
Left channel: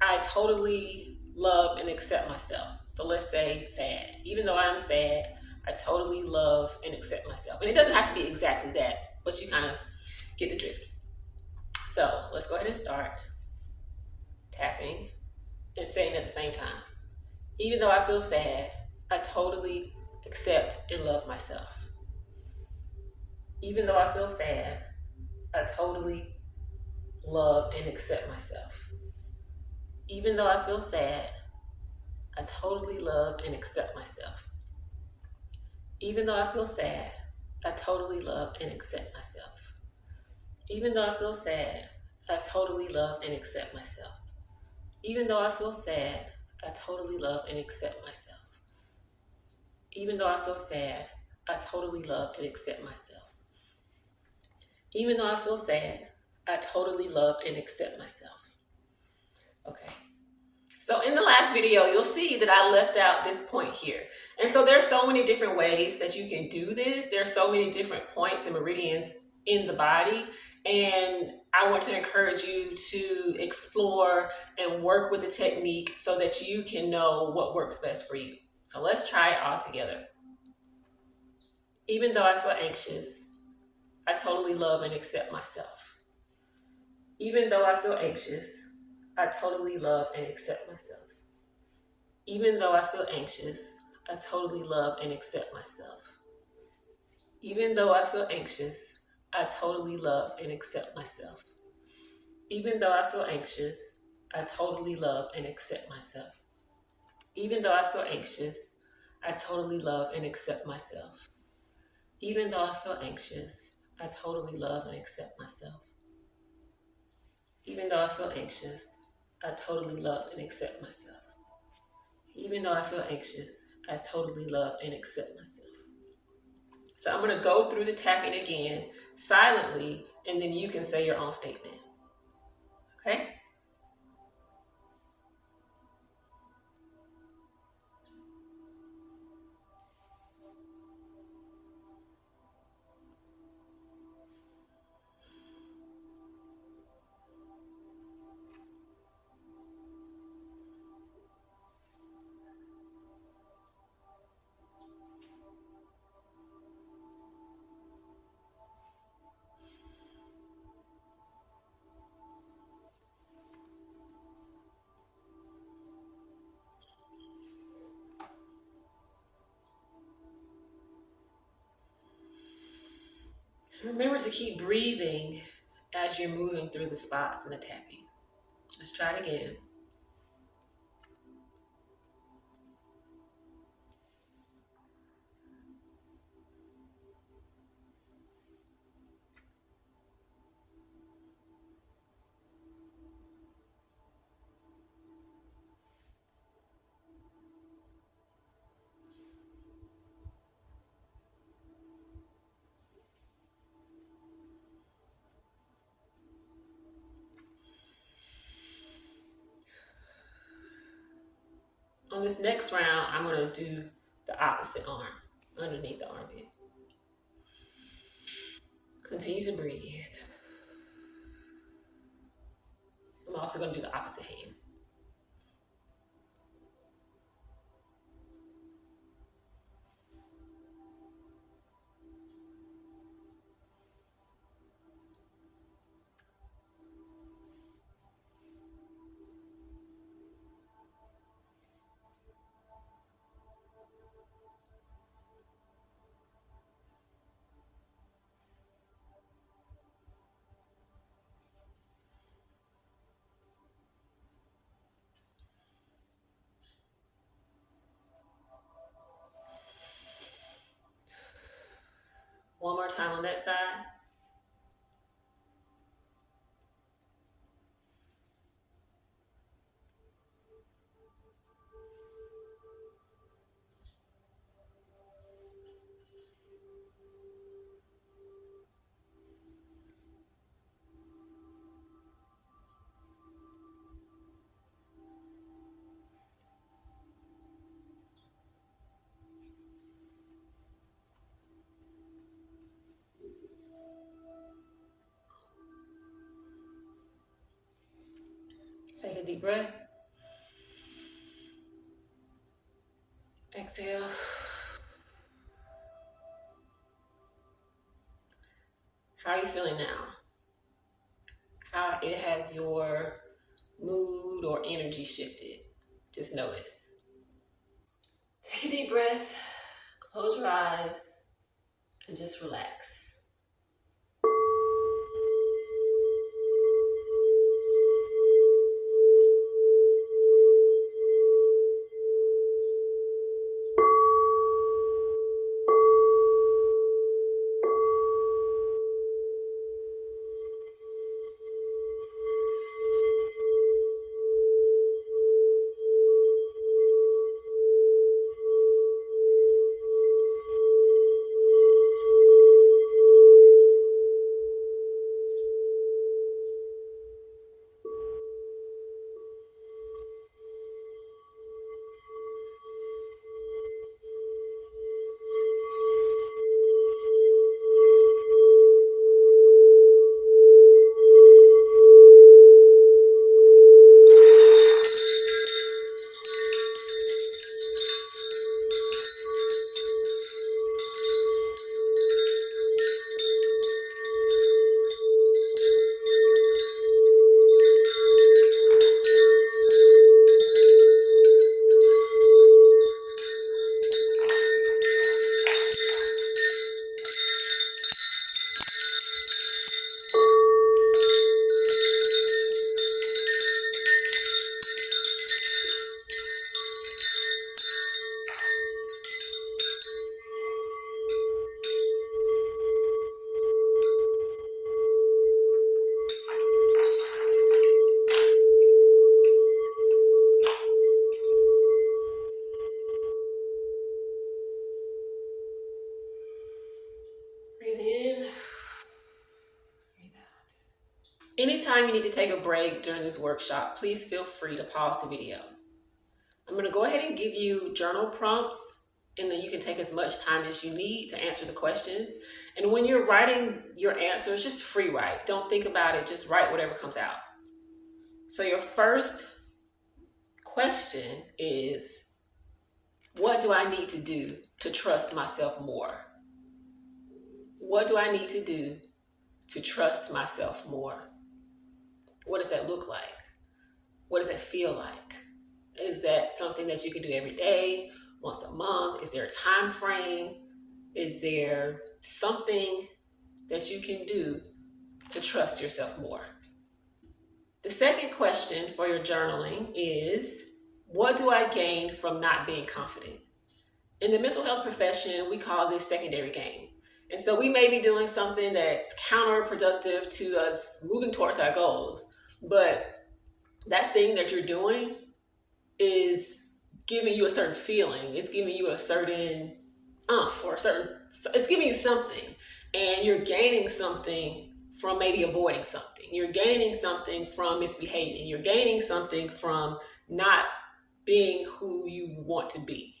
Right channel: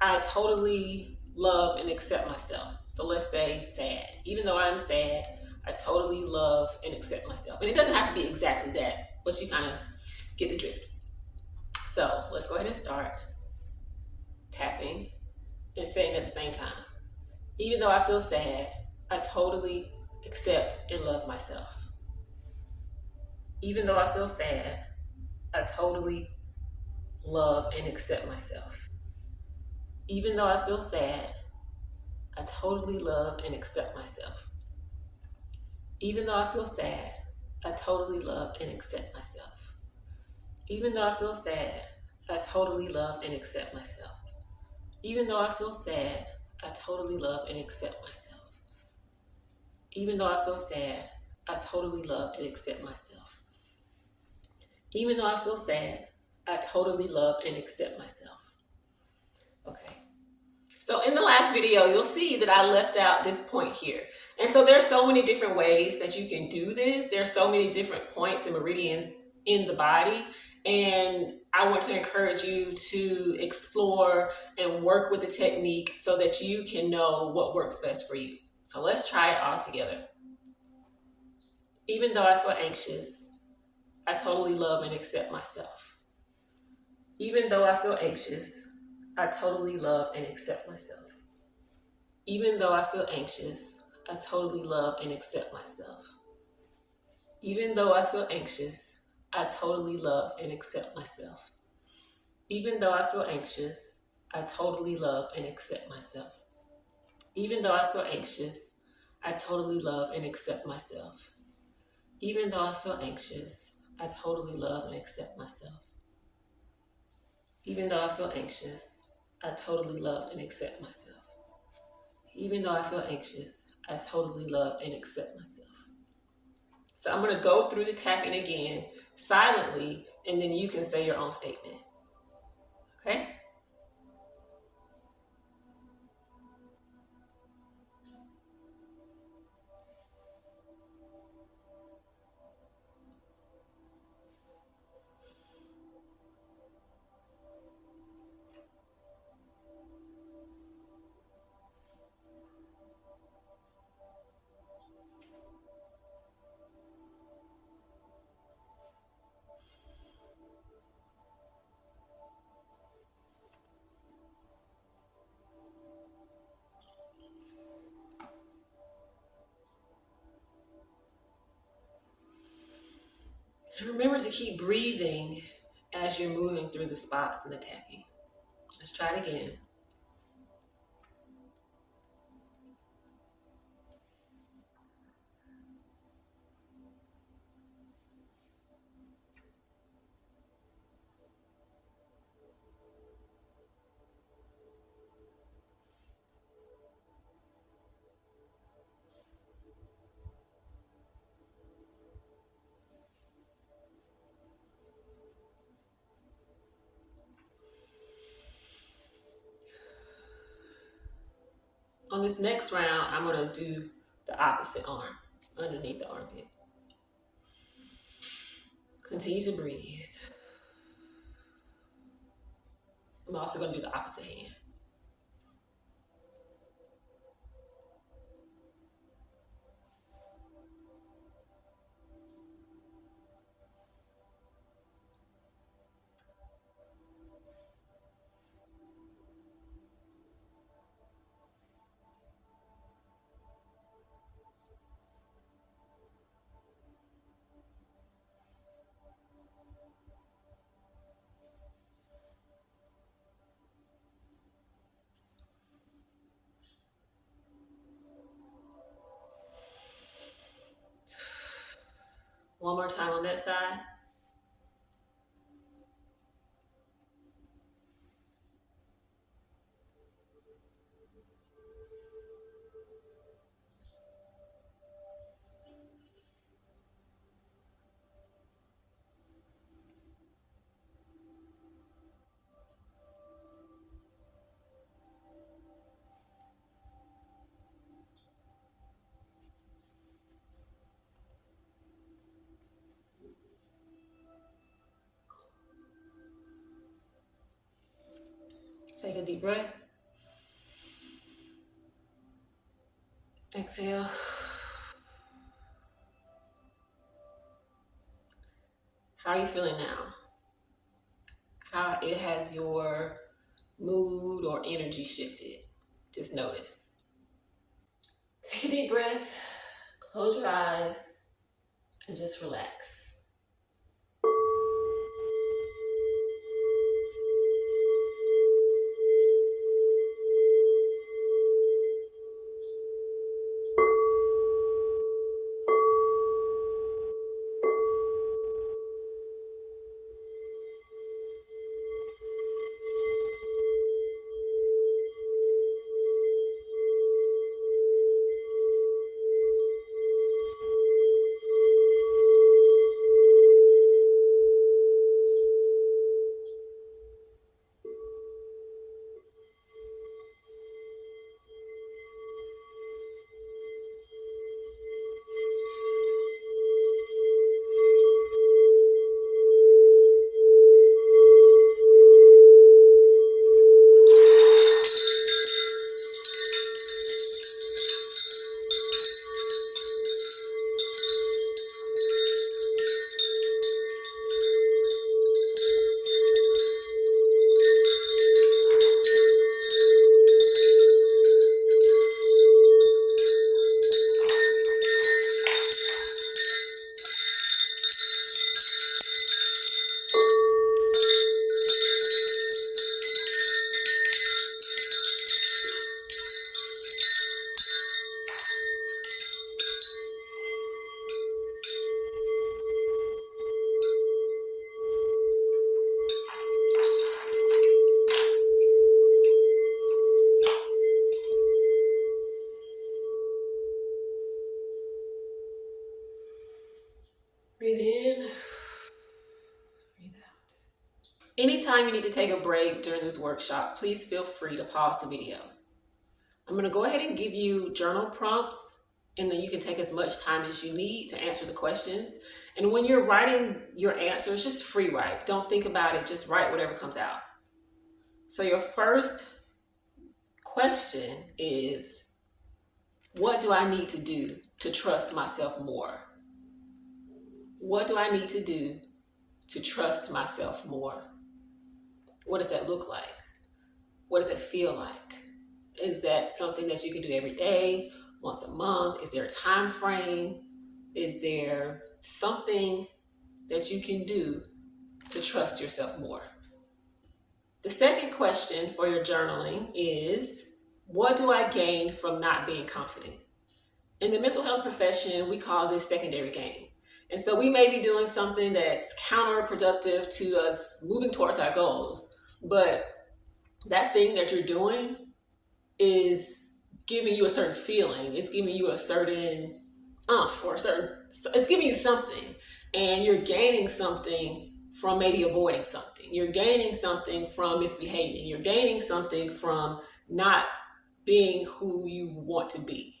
I totally love and accept myself. So let's say sad. Even though I'm sad, I totally love and accept myself. And it doesn't have to be exactly that, but you kind of get the drift. So let's go ahead and start tapping and saying at the same time. Even though I feel sad, I totally accept and love myself. Even though I feel sad, I totally love and accept myself. Even though I feel sad, I totally love and accept myself. Even though I feel sad, I totally love and accept myself. Even though I feel sad, I totally love and accept myself. Even though I feel sad, I totally love and accept myself. Even though I feel sad, I totally love and accept myself. Even though I feel sad, I totally love and accept myself. Okay. So in the last video, you'll see that I left out this point here. And so there's so many different ways that you can do this. There's so many different points and meridians in the body. And I want to encourage you to explore and work with the technique so that you can know what works best for you. So let's try it all together. Even though I feel anxious, I totally love and accept myself. Even though I feel anxious, I totally love and accept myself. Even though I feel anxious, I totally love and accept myself. Even though I feel anxious, I totally love and accept myself. Even though I feel anxious, I totally love and accept myself. Even though I feel anxious, I totally love and accept myself. Even though I feel anxious, I totally love and accept myself. Even though I feel anxious, I totally love and accept myself. Even though I feel anxious, I totally love and accept myself. So I'm going to go through the tapping again silently, and then you can say your own statement. Okay? And remember to keep breathing as you're moving through the spots in the tapping. Let's try it again. On this next round, I'm going to do the opposite arm underneath the armpit. Continue to breathe. I'm also going to do the opposite hand. One more time on that side. Take a deep breath. Exhale. How are you feeling now? How it has your mood or energy shifted? Just notice. Take a deep breath, close your eyes, and just relax. Breathe in, breathe out. Anytime you need to take a break during this workshop, please feel free to pause the video. I'm going to go ahead and give you journal prompts, and then you can take as much time as you need to answer the questions. And when you're writing your answers, just free write. Don't think about it, just write whatever comes out. So your first question is, what do I need to do to trust myself more? What do I need to do to trust myself more? What does that look like? What does it feel like? Is that something that you can do every day, once a month? Is there a time frame? Is there something that you can do to trust yourself more? The second question for your journaling is, what do I gain from not being confident? In the mental health profession, we call this secondary gain. And so we may be doing something that's counterproductive to us moving towards our goals, but that thing that you're doing is giving you a certain feeling. It's giving you a certain it's giving you something, and you're gaining something from maybe avoiding something. You're gaining something from misbehaving. You're gaining something from not being who you want to be.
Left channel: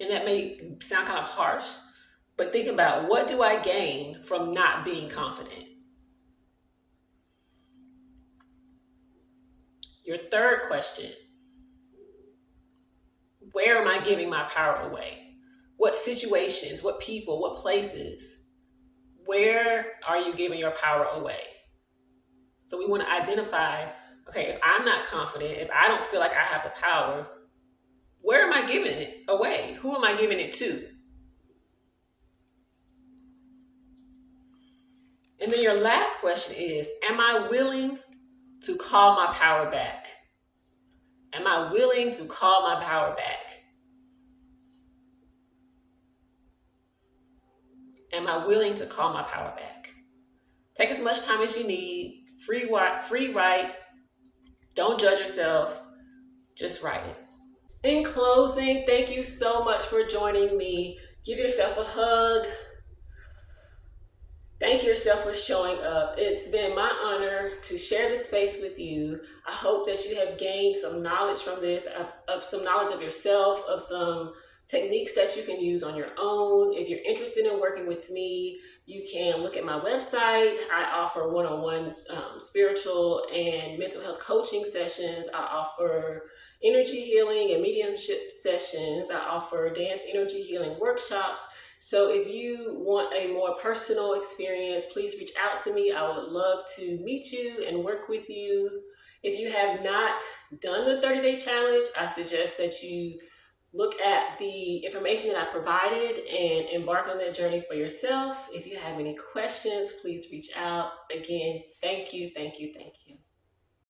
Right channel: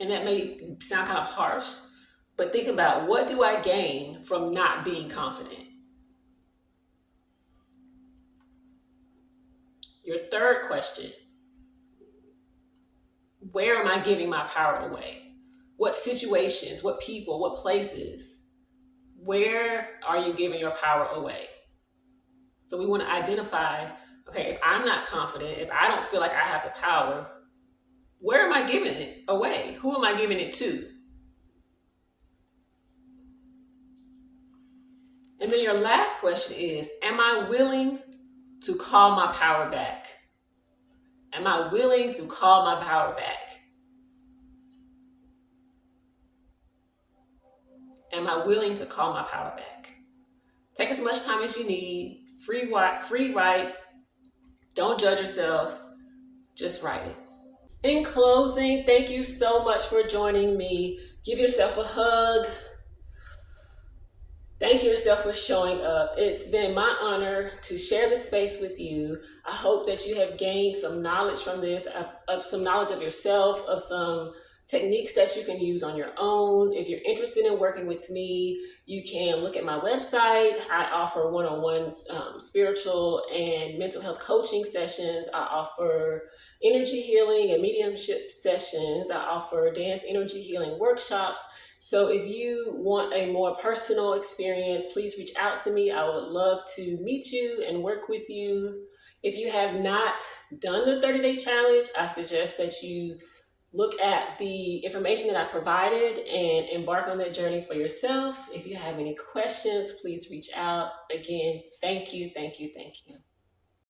And that may sound kind of harsh, but think about, what do I gain from not being confident? Your third question, where am I giving my power away? What situations, what people, what places, where are you giving your power away? So we want to identify, okay, if I'm not confident, if I don't feel like I have the power, where am I giving it away? Who am I giving it to? And then your last question is, am I willing to call my power back? Am I willing to call my power back? Am I willing to call my power back? Take as much time as you need. Free write. Don't judge yourself. Just write it. In closing, thank you so much for joining me. Give yourself a hug. Thank yourself for showing up. It's been my honor to share this space with you. I hope that you have gained some knowledge from this, of some knowledge of yourself, of some techniques that you can use on your own. If you're interested in working with me, you can look at my website. I offer one-on-one spiritual and mental health coaching sessions. I offer energy healing and mediumship sessions. I offer dance energy healing workshops. So if you want a more personal experience, please reach out to me. I would love to meet you and work with you. If you have not done the 30-day challenge, I suggest that you look at the information that I provided and embark on that journey for yourself. If you have any questions, please reach out. Again, thank you, thank you, thank you.